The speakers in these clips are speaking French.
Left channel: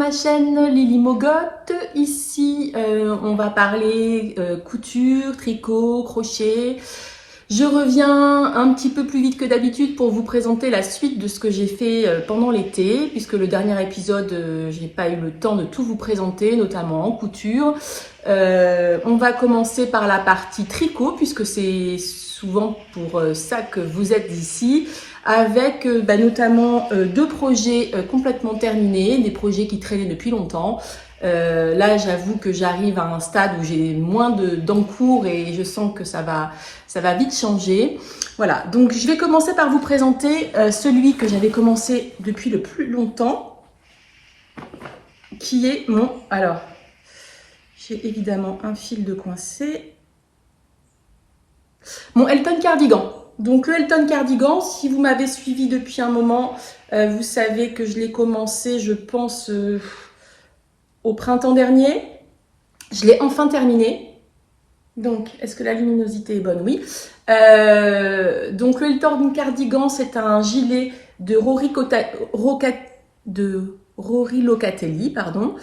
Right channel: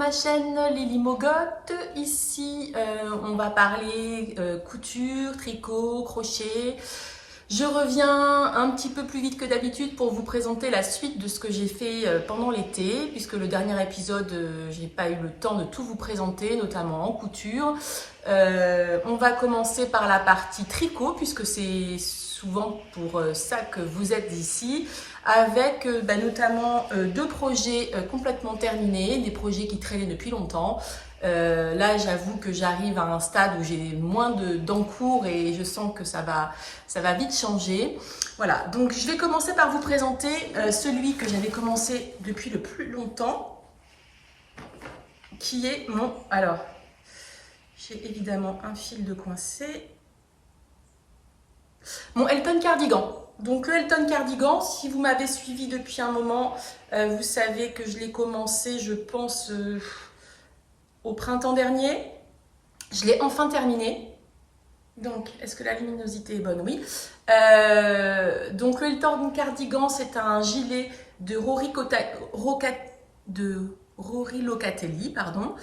ma chaîne Lily Mogotte. Ici, on va parler couture, tricot, crochet. Je reviens un petit peu plus vite que d'habitude pour vous présenter la suite de ce que j'ai fait pendant l'été, puisque le dernier épisode, j'ai pas eu le temps de tout vous présenter, notamment en couture. On va commencer par la partie tricot, puisque c'est souvent pour ça que vous êtes ici, avec notamment deux projets complètement terminés, des projets qui traînaient depuis longtemps. Là, j'avoue que j'arrive à un stade où j'ai moins d'encours et je sens que ça va vite changer. Voilà, donc je vais commencer par vous présenter celui que j'avais commencé depuis le plus longtemps, qui est mon... Alors, j'ai évidemment un fil de coincé. Mon Elton Cardigan. Donc le Elton Cardigan, si vous m'avez suivi depuis un moment, vous savez que je l'ai commencé, je pense, au printemps dernier. Je l'ai enfin terminé. Donc, est-ce que la luminosité est bonne? Oui. Donc le Elton Cardigan, c'est un gilet de Rory Locatelli, pardon.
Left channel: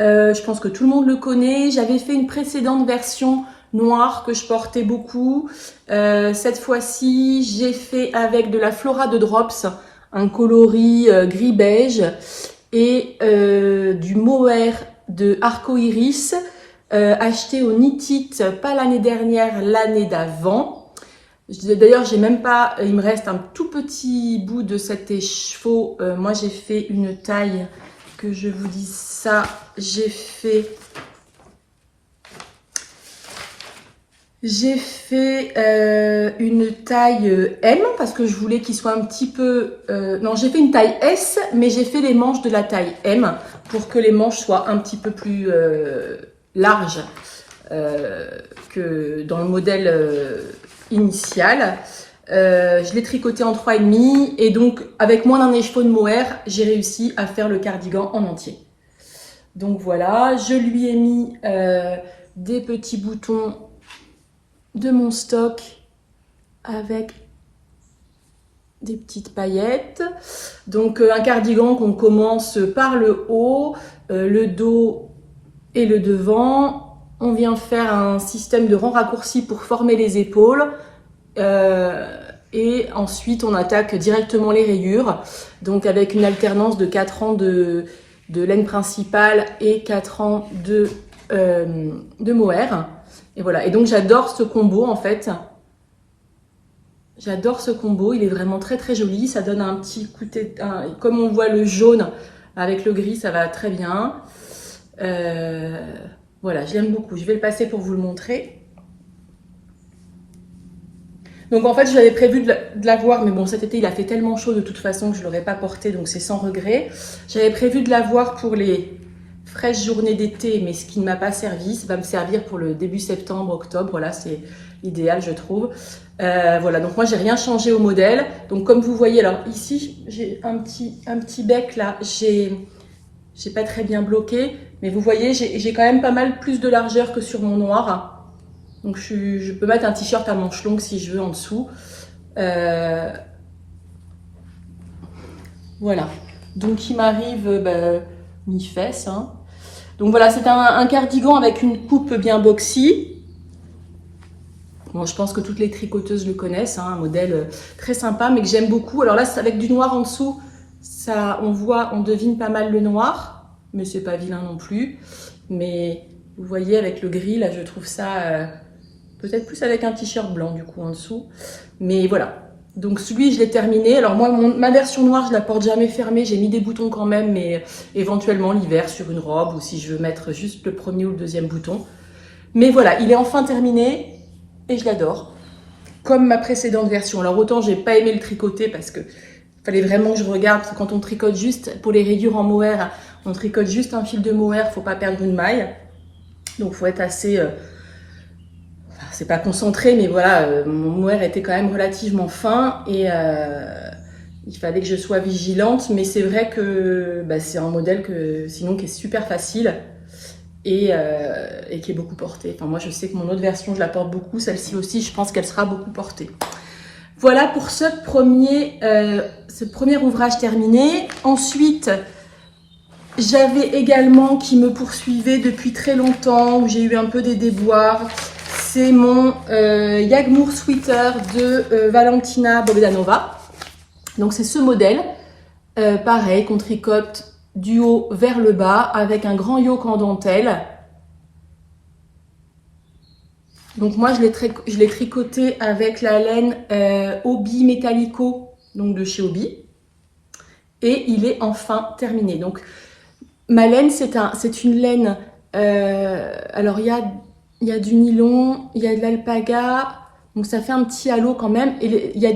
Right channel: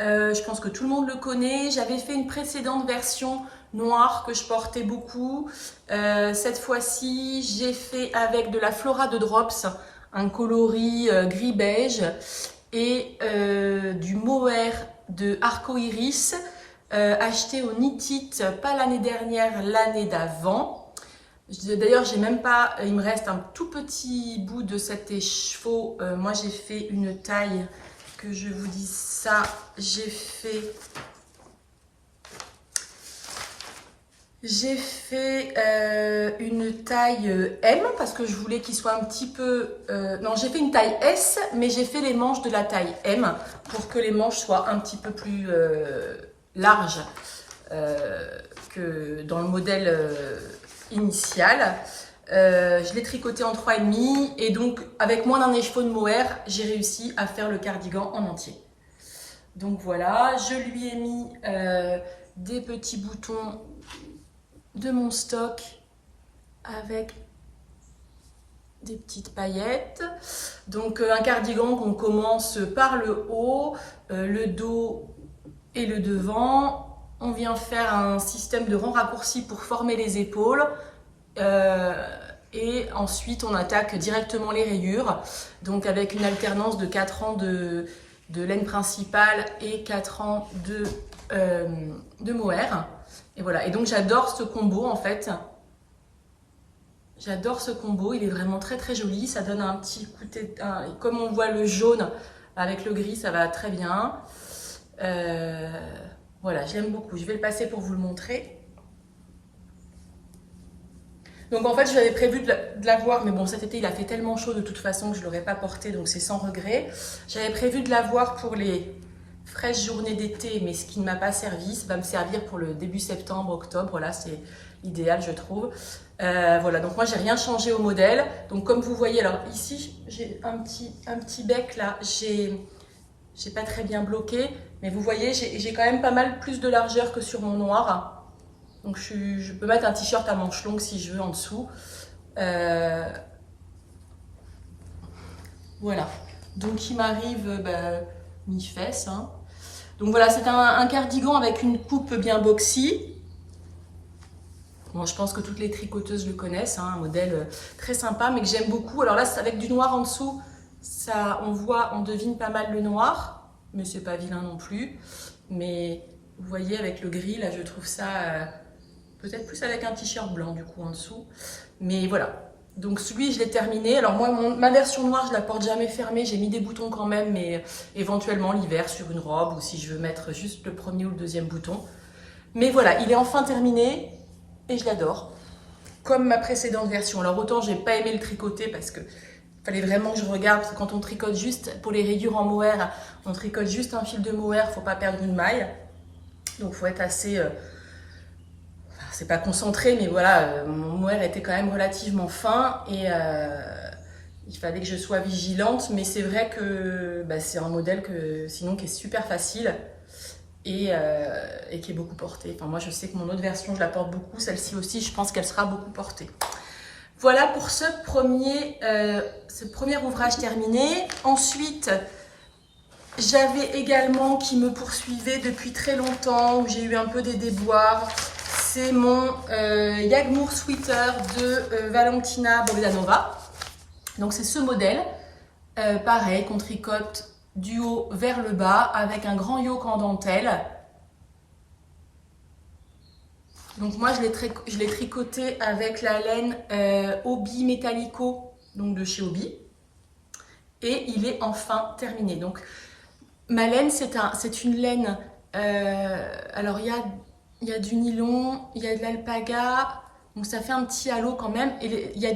Je pense que tout le monde le connaît. J'avais fait une précédente version noire que je portais beaucoup. Cette fois-ci, j'ai fait avec de la Flora de Drops, un coloris gris-beige et du mohair de Arco Iris, acheté au Knit It, pas l'année dernière, l'année d'avant. D'ailleurs, j'ai même pas, il me reste un tout petit bout de cet écheveau. Moi, j'ai fait une taille, que je vous dis ça, j'ai fait une taille M parce que je voulais qu'il soit un petit peu... non, j'ai fait une taille S, mais j'ai fait les manches de la taille M pour que les manches soient un petit peu plus larges que dans le modèle initial. Je l'ai tricoté en 3,5 et donc avec moins d'un écheveau de mohair, j'ai réussi à faire le cardigan en entier. Donc voilà, je lui ai mis des petits boutons de mon stock avec des petites paillettes. Donc un cardigan qu'on commence par le haut, le dos et le devant. On vient faire un système de rang raccourci pour former les épaules. Et ensuite on attaque directement les rayures, donc avec une alternance de 4 rangs de laine principale et 4 rangs de mohair. Et voilà, et donc j'adore ce combo en fait. J'adore ce combo, il est vraiment très très joli. Ça donne un petit coup de... comme on voit le jaune avec le gris, ça va très bien. Voilà, je l'aime beaucoup. Je vais le passer pour vous le montrer. Donc en fait, j'avais prévu de l'avoir, mais bon, cet été, il a fait tellement chaud de toute façon que je ne l'aurais pas porté, donc c'est sans regret. J'avais prévu de l'avoir pour les fraîches journées d'été, mais ce qui ne m'a pas servi, ça va me servir pour le début septembre, octobre. Voilà, c'est idéal, je trouve. Voilà, donc moi, j'ai rien changé au modèle. Donc comme vous voyez, alors ici, j'ai un petit bec là, j'ai pas très bien bloqué, mais vous voyez, j'ai quand même pas mal plus de largeur que sur mon noir. Donc je peux mettre un t-shirt à manches longues si je veux en dessous. Voilà, donc il m'arrive mi-fesse, hein. Donc voilà, c'est un cardigan avec une coupe bien boxy. Bon, je pense que toutes les tricoteuses le connaissent, hein, un modèle très sympa, mais que j'aime beaucoup. Alors là, avec du noir en dessous, ça, on devine pas mal le noir, mais c'est pas vilain non plus. Mais vous voyez, avec le gris, là, je trouve ça peut-être plus avec un t-shirt blanc, du coup, en dessous. Mais voilà. Donc celui, je l'ai terminé. Alors moi, ma version noire, je la porte jamais fermée. J'ai mis des boutons quand même, mais éventuellement l'hiver sur une robe ou si je veux mettre juste le premier ou le deuxième bouton. Mais voilà, il est enfin terminé et je l'adore. Comme ma précédente version. Alors autant, j'ai pas aimé le tricoter parce que fallait vraiment que je regarde. Parce que quand on tricote juste pour les rayures en mohair, on tricote juste un fil de mohair, faut pas perdre une maille. Donc faut être assez... c'est pas concentré, mais voilà, mon mohair était quand même relativement fin et il fallait que je sois vigilante. Mais c'est vrai que c'est un modèle sinon qui est super facile et qui est beaucoup porté. Enfin, moi, je sais que mon autre version, je la porte beaucoup. Celle-ci aussi, je pense qu'elle sera beaucoup portée. Voilà pour ce premier ouvrage terminé. Ensuite, J'avais également qui me poursuivait depuis très longtemps, où j'ai eu un peu des déboires. C'est mon Jagmour Sweater de Valentina Bogdanova. Donc c'est ce modèle, pareil, qu'on tricote du haut vers le bas avec un grand yoke en dentelle. Donc moi je l'ai tricoté avec la laine Obi Metallico, donc de chez Obi. Et il est enfin terminé. Donc ma laine, c'est une laine, alors il y a du nylon, il y a de l'alpaga, donc ça fait un petit halo quand même. Et il y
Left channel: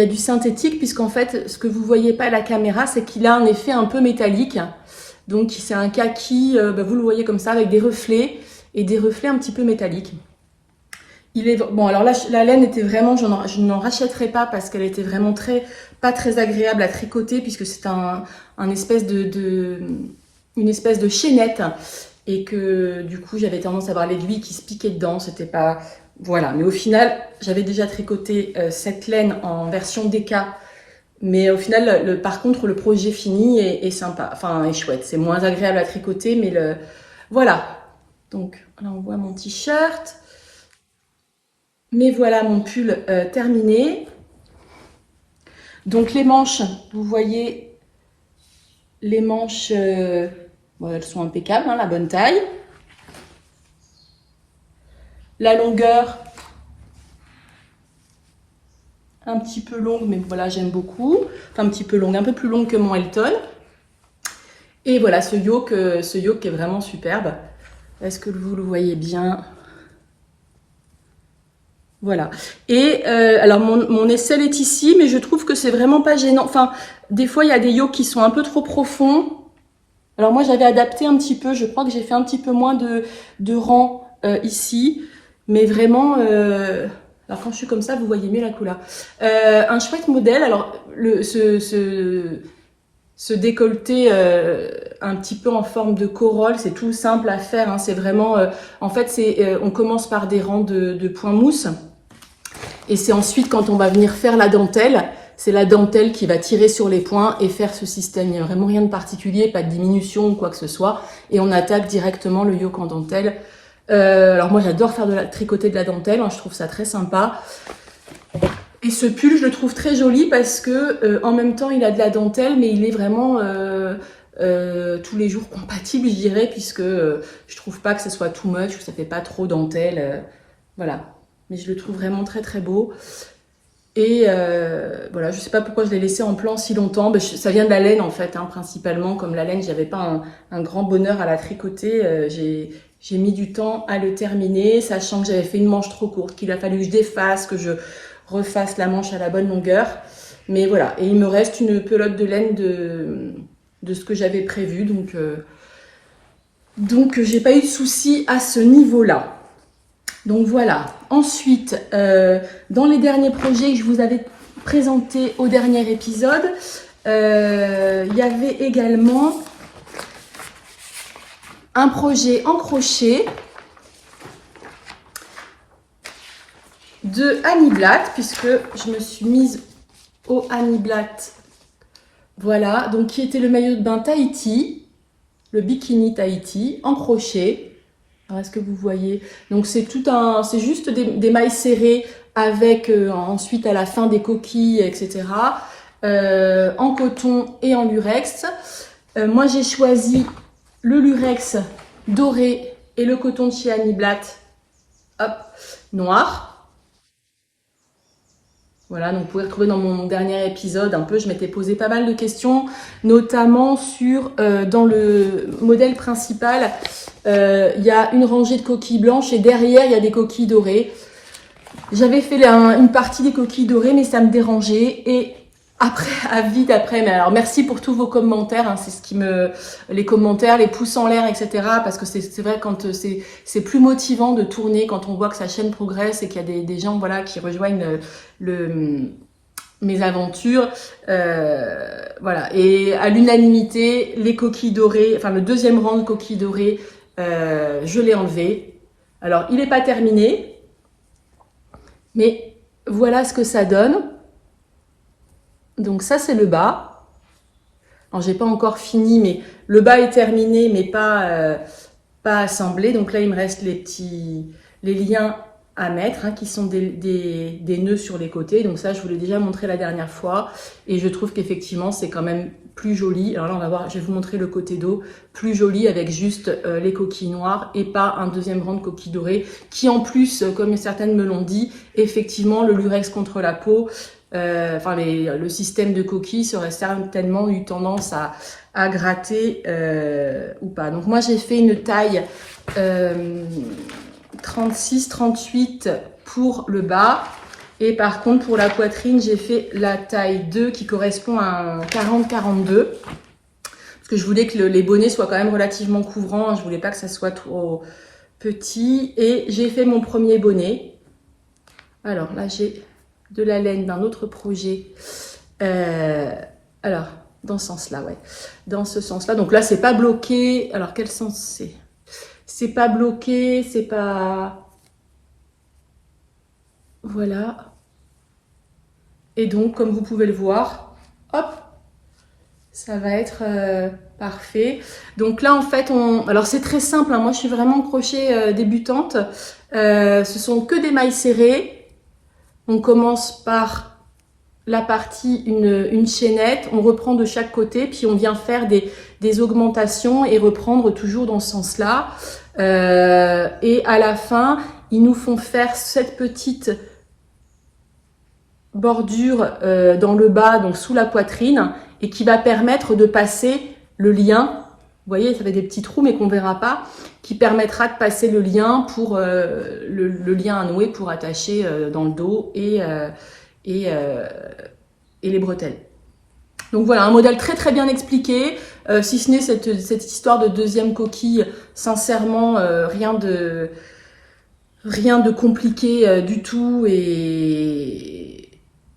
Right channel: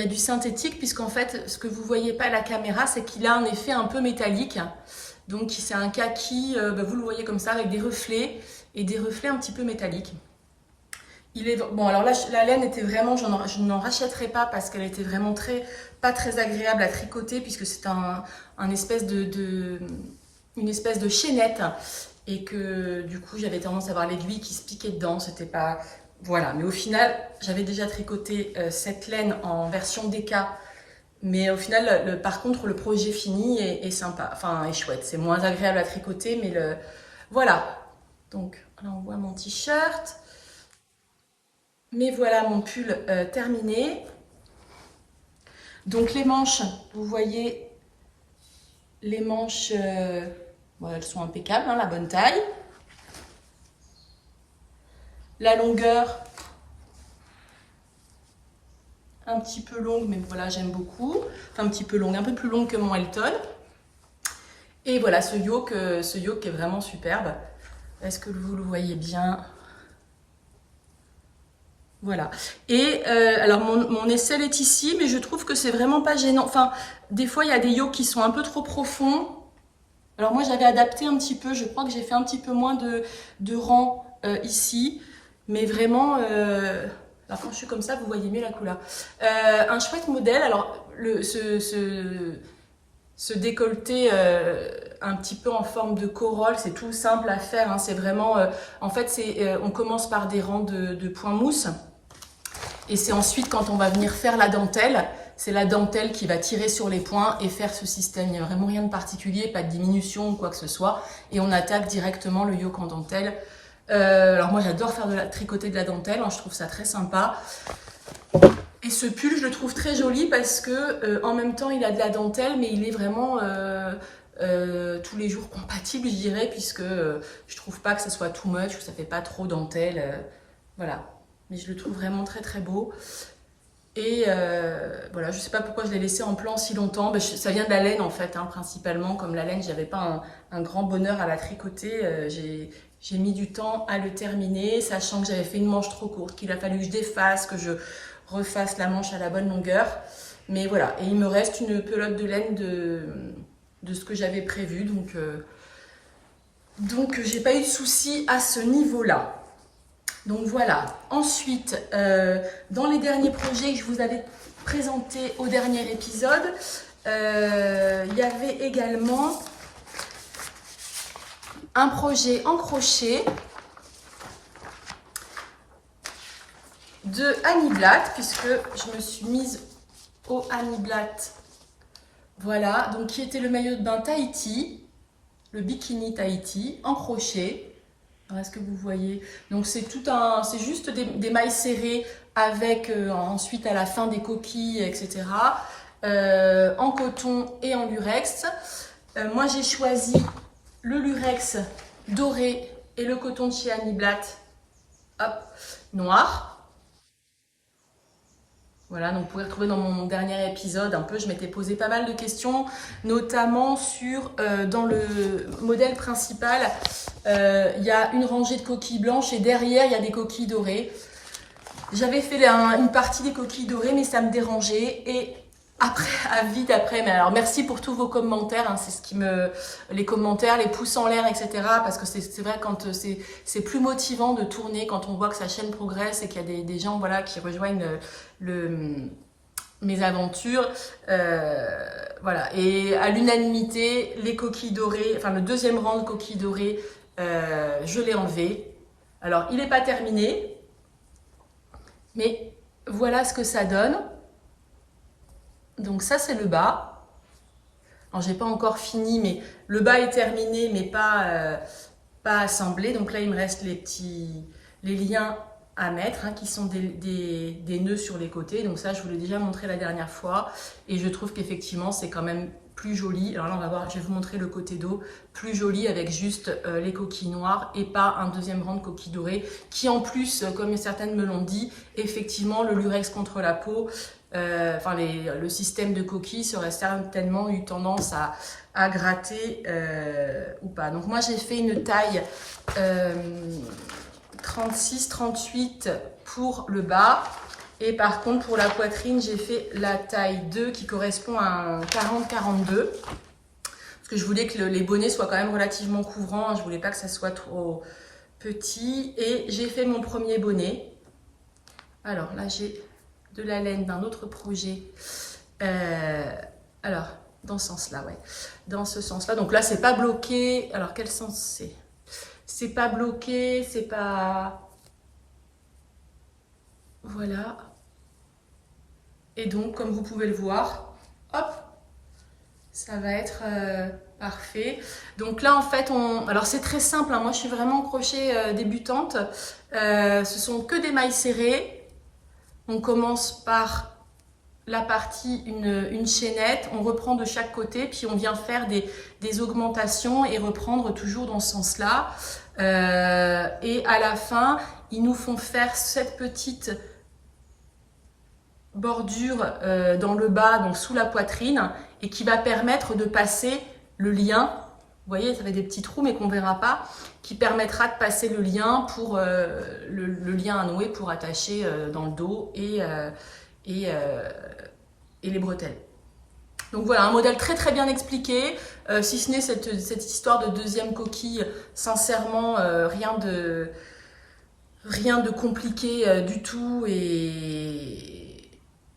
a du synthétique, puisqu'en fait, ce que vous voyez pas à la caméra, c'est qu'il a un effet un peu métallique. Donc c'est un kaki, vous le voyez comme ça, avec des reflets, et des reflets un petit peu métalliques. Bon, alors là, la laine était vraiment, je n'en rachèterai pas parce qu'elle était vraiment pas très agréable à tricoter, puisque c'est une espèce de chaînette, et que du coup j'avais tendance à avoir l'aiguille qui se piquait dedans. C'était pas, voilà. Mais au final, j'avais déjà tricoté cette laine en version DK, mais au final, par contre, le projet fini est sympa, enfin est chouette. C'est moins agréable à tricoter, mais voilà. Donc là, on voit mon t-shirt. Mais voilà mon pull terminé. Donc les manches, vous voyez, les manches, bon, elles sont impeccables, hein, la bonne taille. La longueur, un petit peu longue, mais voilà, j'aime beaucoup. Enfin, un petit peu longue, un peu plus longue que mon Elton. Et voilà, ce yoke qui est vraiment superbe. Est-ce que vous le voyez bien ? Voilà. Et alors mon aisselle est ici, mais je trouve que c'est vraiment pas gênant. Enfin, des fois il y a des yokes qui sont un peu trop profonds. Alors moi j'avais adapté un petit peu. Je crois que j'ai fait un petit peu moins de rang ici, mais vraiment. Alors quand je suis comme ça, vous voyez mieux la couleur. Un chouette modèle. Alors ce décolleté un petit peu en forme de corolle, c'est tout simple à faire. Hein. C'est vraiment. En fait, on commence par des rangs de points mousse. Et c'est ensuite, quand on va venir faire la dentelle, c'est la dentelle qui va tirer sur les points et faire ce système. Il n'y a vraiment rien de particulier, pas de diminution ou quoi que ce soit. Et on attaque directement le yoke en dentelle. Alors moi, j'adore faire tricoter de la dentelle. Hein, je trouve ça très sympa. Et ce pull, je le trouve très joli parce que en même temps, il a de la dentelle, mais il est vraiment tous les jours compatible, je dirais, puisque je trouve pas que ça soit too much, que ça fait pas trop dentelle. Voilà. Mais je le trouve vraiment très très beau. Et voilà, je sais pas pourquoi je l'ai laissé en plan si longtemps. Ben, ça vient de la laine en fait, hein, principalement. Comme la laine, j'avais pas un grand bonheur à la tricoter. J'ai mis du temps à le terminer, sachant que j'avais fait une manche trop courte, qu'il a fallu que je défasse, que je refasse la manche à la bonne longueur. Mais voilà, et il me reste une pelote de laine de ce que j'avais prévu. Donc j'ai pas eu de soucis à ce niveau-là. Donc voilà. Ensuite, dans les derniers projets que je vous avais présentés au dernier épisode, il y avait également un projet en crochet de Annie Blatt, puisque je me suis mise au Annie Blatt. Voilà, donc qui était le maillot de bain Tahiti, le bikini Tahiti en crochet. Est-ce que vous voyez? Donc c'est juste des mailles serrées avec ensuite à la fin des coquilles, etc. En coton et en lurex. Moi j'ai choisi le lurex doré et le coton de chez Annie Blatt, hop, noir. Voilà, donc vous pouvez retrouver dans mon dernier épisode un peu, je m'étais posé pas mal de questions, notamment dans le modèle principal, il y a une rangée de coquilles blanches et derrière il y a des coquilles dorées. J'avais fait une partie des coquilles dorées, mais ça me dérangeait. Et après, mais alors merci pour tous vos commentaires, hein, c'est les commentaires, les pouces en l'air, etc. Parce que c'est vrai quand c'est plus motivant de tourner quand on voit que sa chaîne progresse et qu'il y a des gens voilà qui rejoignent mes aventures, voilà. Et à l'unanimité, les coquilles dorées, enfin le deuxième rang de coquilles dorées, je l'ai enlevé. Alors il n'est pas terminé, mais voilà ce que ça donne. Donc ça c'est le bas. Alors, j'ai pas encore fini, mais le bas est terminé, mais pas assemblé. Donc là, il me reste les liens à mettre, hein, qui sont des nœuds sur les côtés. Donc ça, je vous l'ai déjà montré la dernière fois. Et je trouve qu'effectivement, c'est quand même plus joli. Alors là, on va voir, je vais vous montrer le côté dos, plus joli avec juste les coquilles noires et pas un deuxième rang de coquilles dorées, qui en plus, comme certaines me l'ont dit, effectivement, le lurex contre la peau, le système de coquilles serait certainement eu tendance à gratter ou pas. Donc moi, j'ai fait une taille 36-38 pour le bas. Et par contre, pour la poitrine, j'ai fait la taille 2 qui correspond à un 40-42. Parce que je voulais que les bonnets soient quand même relativement couvrants. Je voulais pas que ça soit trop petit. Et j'ai fait mon premier bonnet. Alors là, j'ai de la laine d'un autre projet. Alors, dans ce sens-là, ouais. Dans ce sens-là. Donc là, c'est pas bloqué. Alors, quel sens c'est? C'est pas bloqué, c'est pas... Voilà. Et donc, comme vous pouvez le voir, hop, ça va être parfait. Donc là, en fait, alors c'est très simple, hein. Moi, je suis vraiment crochet débutante. Ce sont que des mailles serrées. On commence par la partie, une chaînette. On reprend de chaque côté, puis on vient faire des augmentations et reprendre toujours dans ce sens-là. Et à la fin, ils nous font faire cette petite bordure dans le bas, donc sous la poitrine, et qui va permettre de passer le lien. Vous voyez, ça fait des petits trous, mais qu'on verra pas, qui permettra de passer le lien pour le lien à nouer pour attacher dans le dos et les bretelles. Donc voilà, un modèle très très bien expliqué, si ce n'est cette histoire de deuxième coquille, sincèrement, rien de compliqué du tout,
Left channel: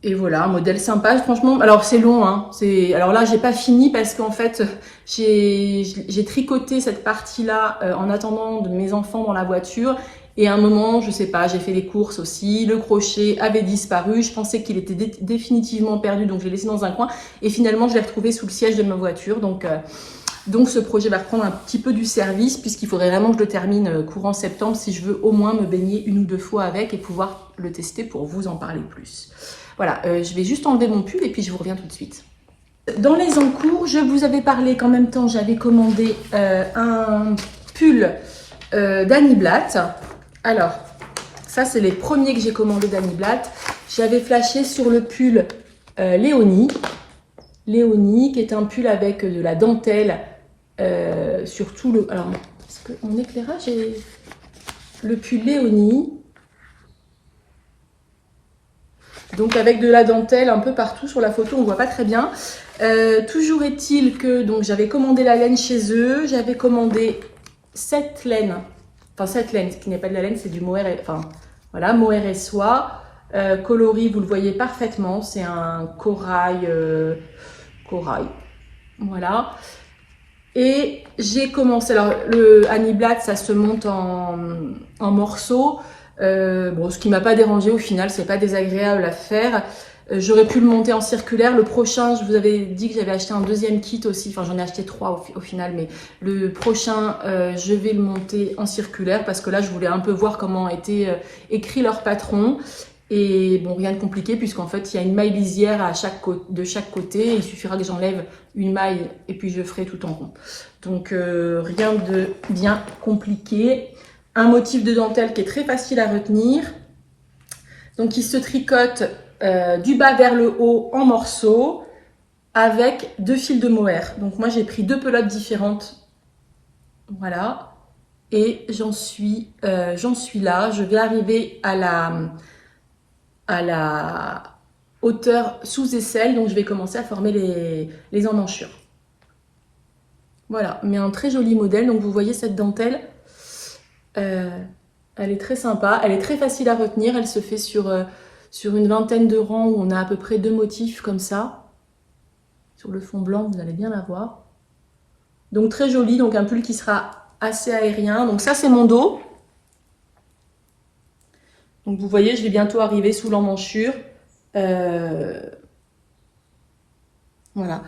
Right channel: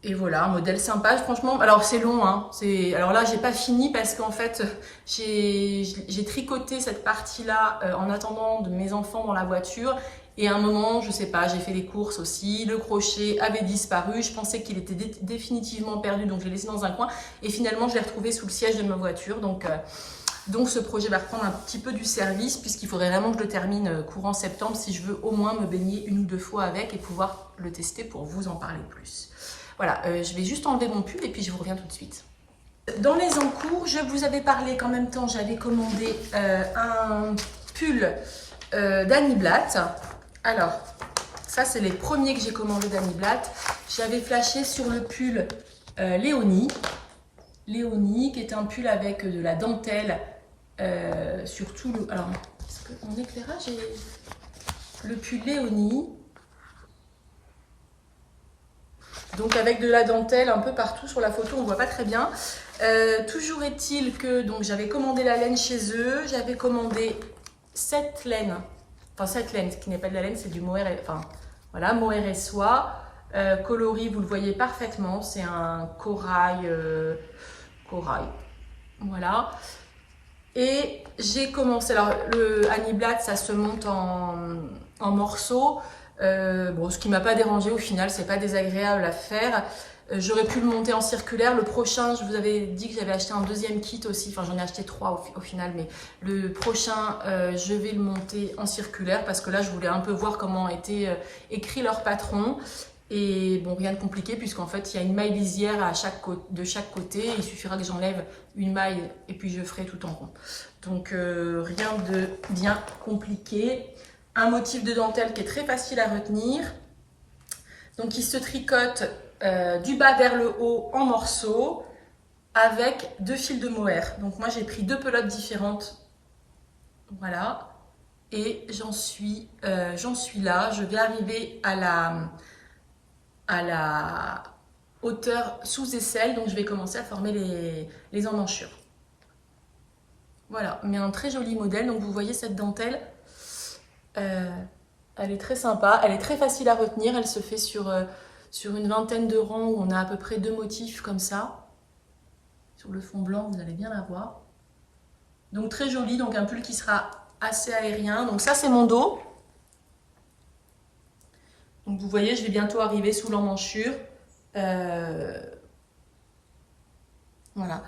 et voilà, un modèle sympa, franchement. Alors c'est long, hein. Alors là, j'ai pas fini parce qu'en fait, j'ai tricoté cette partie-là en attendant de mes enfants dans la voiture. Et à un moment, je sais pas, j'ai fait les courses aussi, le crochet avait disparu, je pensais qu'il était définitivement perdu, donc je l'ai laissé dans un coin. Et finalement, je l'ai retrouvé sous le siège de ma voiture. Donc ce projet va reprendre un petit peu du service, puisqu'il faudrait vraiment que je le termine courant septembre si je veux au moins me baigner 1 ou 2 fois avec et pouvoir le tester pour vous en parler plus. Voilà, je vais juste enlever mon pull et puis je vous reviens tout de suite. Dans les encours, je vous avais parlé qu'en même temps, j'avais commandé un pull d'Annie Blatt. Alors, ça, c'est les premiers que j'ai commandés d'Annie Blatt. J'avais flashé sur le pull Léonie. Léonie, qui est un pull avec de la dentelle sur tout le... Alors, est-ce qu'en éclairage, j'ai le pull Léonie. Donc avec de la dentelle un peu partout sur la photo, on voit pas très bien. Toujours est-il que donc j'avais commandé la laine chez eux, j'avais commandé cette laine, ce qui n'est pas de la laine, c'est du mohair, voilà, mohair et soie, coloris, vous le voyez parfaitement, c'est un corail, voilà. Et j'ai commencé, alors le Annie Blatt, ça se monte en morceaux. Bon, ce qui m'a pas dérangé au final, c'est pas désagréable à faire. J'aurais pu le monter en circulaire. Le prochain, je vous avais dit que j'avais acheté un deuxième kit aussi. Enfin, j'en ai acheté 3 au final, mais le prochain, je vais le monter en circulaire parce que là, je voulais un peu voir comment était écrit leur patron. Et bon, rien de compliqué puisqu'en fait, il y a une maille lisière de chaque côté. Il suffira que j'enlève une maille et puis je ferai tout en rond. Donc, rien de bien compliqué. Un motif de dentelle qui est très facile à retenir. Donc, il se tricote du bas vers le haut en morceaux avec 2 fils de mohair. Donc, moi, j'ai pris 2 pelotes différentes. Voilà. Et j'en suis là. Je vais arriver à la hauteur sous aisselle. Donc, je vais commencer à former les emmanchures. Voilà. Mais un très joli modèle. Donc, vous voyez cette dentelle. Elle est très sympa, elle est très facile à retenir, elle se fait sur une vingtaine de rangs où on a à peu près 2 motifs comme ça. Sur le fond blanc, vous allez bien la voir. Donc très joli, donc un pull qui sera assez aérien. Donc ça, c'est mon dos. Donc vous voyez, je vais bientôt arriver sous l'emmanchure. Voilà.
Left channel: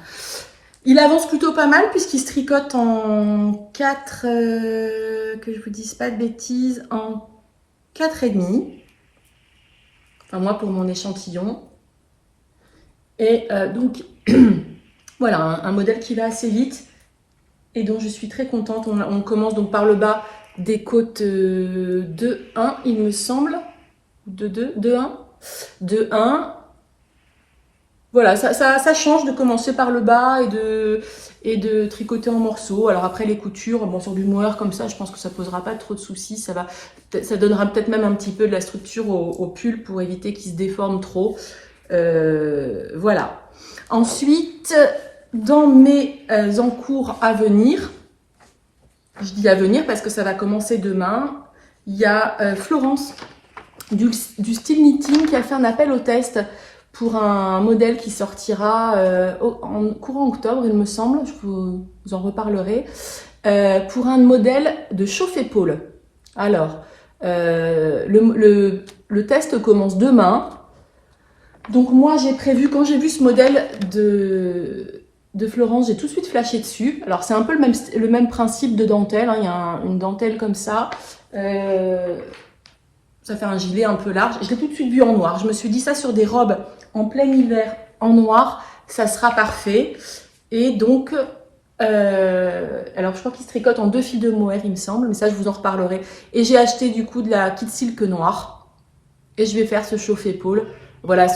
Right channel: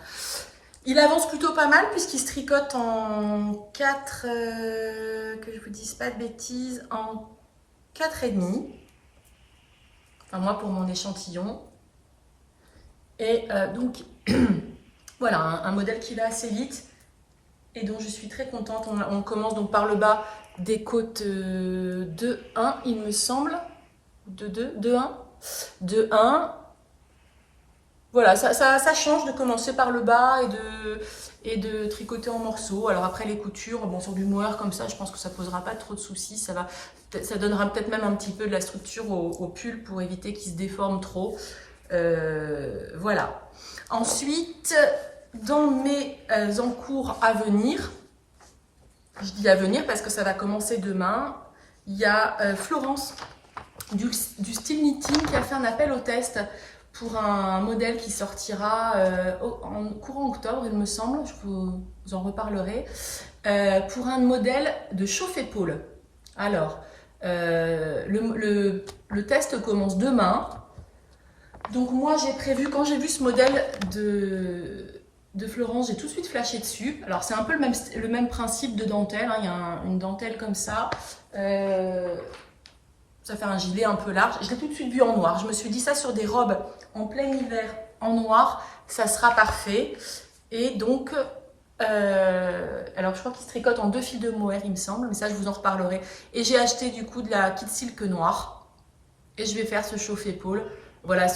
Il avance plutôt pas mal puisqu'il se tricote en 4, que je vous dise pas de bêtises, en 4,5. Enfin moi pour mon échantillon. Et donc voilà, un modèle qui va assez vite et dont je suis très contente. On commence donc par le bas des côtes 2-1 il me semble. 2-1. 2-1. Voilà, ça change de commencer par le bas et de tricoter en morceaux. Alors après les coutures, bon sur du mohair comme ça, je pense que ça posera pas trop de soucis. Ça donnera peut-être même un petit peu de la structure au pull pour éviter qu'il se déforme trop. Voilà. Ensuite, dans mes encours à venir, je dis à venir parce que ça va commencer demain, il y a Florence du style knitting qui a fait un appel au test pour un modèle qui sortira en courant octobre, il me semble, je vous en reparlerai, pour un modèle de chauffe-épaule. Alors, le test commence demain. Donc moi, j'ai prévu, quand j'ai vu ce modèle de Florence, j'ai tout de suite flashé dessus. Alors, c'est un peu le même principe de dentelle, hein. Il y a une dentelle comme ça. Ça fait un gilet un peu large. Je l'ai tout de suite vu en noir. Je me suis dit ça sur des robes en plein hiver en noir, ça sera parfait. Et donc, alors je crois qu'il se tricote en 2 fils de mohair, il me semble, mais ça je vous en reparlerai. Et j'ai acheté du coup de la kit silk noire. Et je vais faire ce chauffe-épaule. Voilà,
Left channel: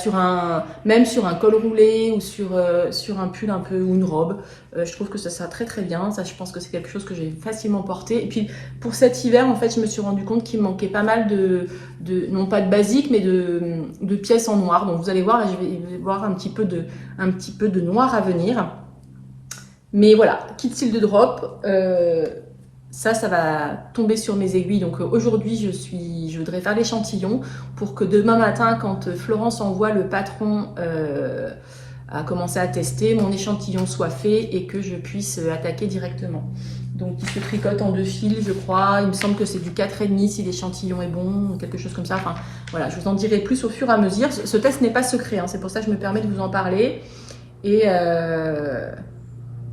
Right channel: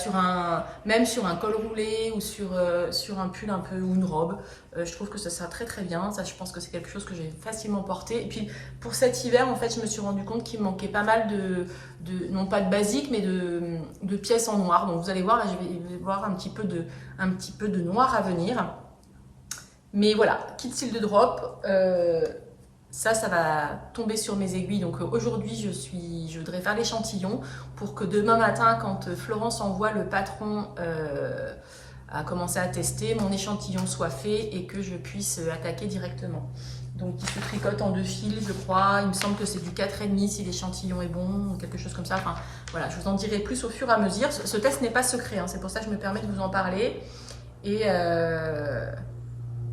même sur un col roulé ou sur un pull un peu ou une robe. Je trouve que ça sera très très bien. Ça, je pense que c'est quelque chose que j'ai facilement porté. Et puis pour cet hiver, en fait, je me suis rendu compte qu'il me manquait pas mal non pas de basique, mais de pièces en noir. Donc vous allez voir, là, je vais voir un petit peu de noir à venir. Mais voilà, kit style de drop. Ça va tomber sur mes aiguilles. Donc aujourd'hui, je voudrais faire l'échantillon pour que demain matin, quand Florence envoie le patron à commencer à tester, mon échantillon soit fait et que je puisse attaquer directement. Donc il se tricote en 2 fils, je crois. Il me semble que c'est du 4,5 si l'échantillon est bon, ou quelque chose comme ça. Enfin voilà, je vous en dirai plus au fur et à mesure. Ce test n'est pas secret, hein. C'est pour ça que je me permets de vous en parler.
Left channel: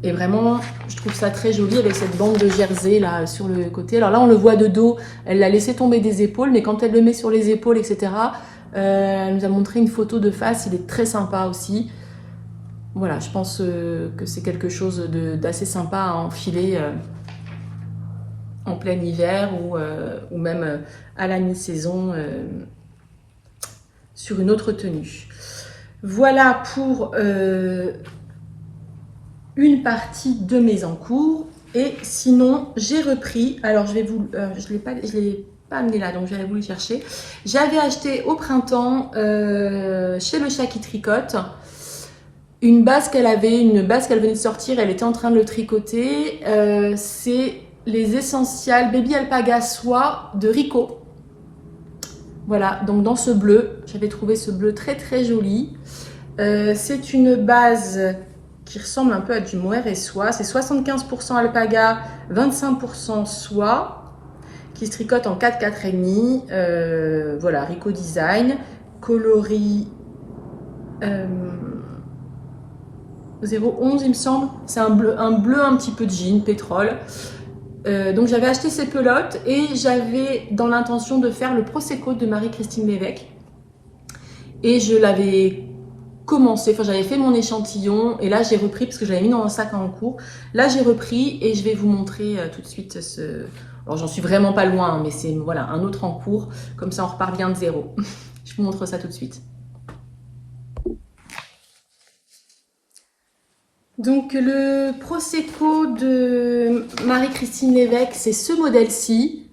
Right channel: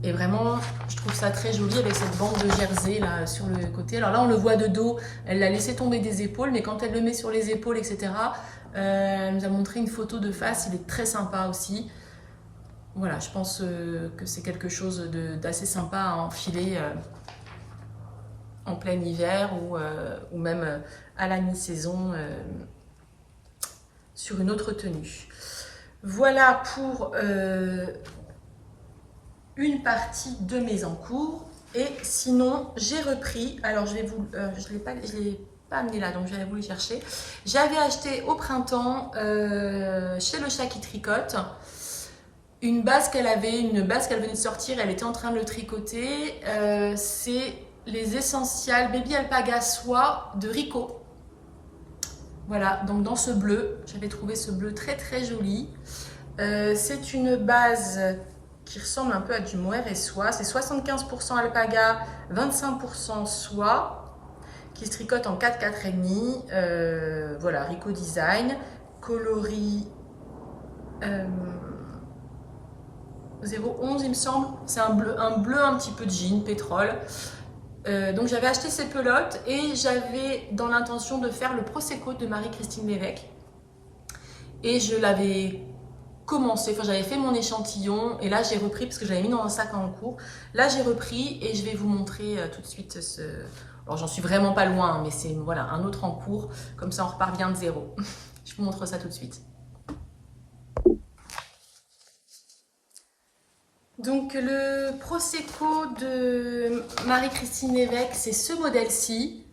Et vraiment, je trouve ça très joli avec cette bande de jersey là sur le côté. Alors là, on le voit de dos, elle l'a laissé tomber des épaules, mais quand elle le met sur les épaules, etc., elle nous a montré une photo de face, il est très sympa aussi. Voilà, je pense que c'est quelque chose d'assez sympa à enfiler en plein hiver ou même à la mi-saison sur une autre tenue. Voilà pour une partie de mes encours. Et sinon, j'ai repris, alors je l'ai pas amené là, donc je vais aller vous les chercher. J'avais acheté au printemps chez Le Chat qui tricote une base qu'elle venait de sortir, elle était en train de le tricoter. C'est les Essentials Baby Alpaga Soie de Rico. Voilà, donc dans ce bleu, j'avais trouvé ce bleu très très joli. C'est une base qui ressemble un peu à du mohair et soie. C'est 75% alpaga, 25% soie, qui se tricote en 4,5. Voilà, Rico Design, coloris 011 il me semble. C'est un bleu un petit peu de jean, pétrole. Donc j'avais acheté ces pelotes et j'avais dans l'intention de faire le Prosecco de Marie-Christine Lévesque. Et je l'avais commencé, enfin j'avais fait mon échantillon et là j'ai repris parce que je l'avais mis dans un sac en cours. Là j'ai repris et je vais vous montrer tout de suite ce... Alors j'en suis vraiment pas loin, hein, mais c'est voilà, un autre en cours. Comme ça on repart bien de zéro. Je vous montre ça tout de suite. Donc le Prosecco de Marie-Christine Lévesque, c'est ce modèle-ci.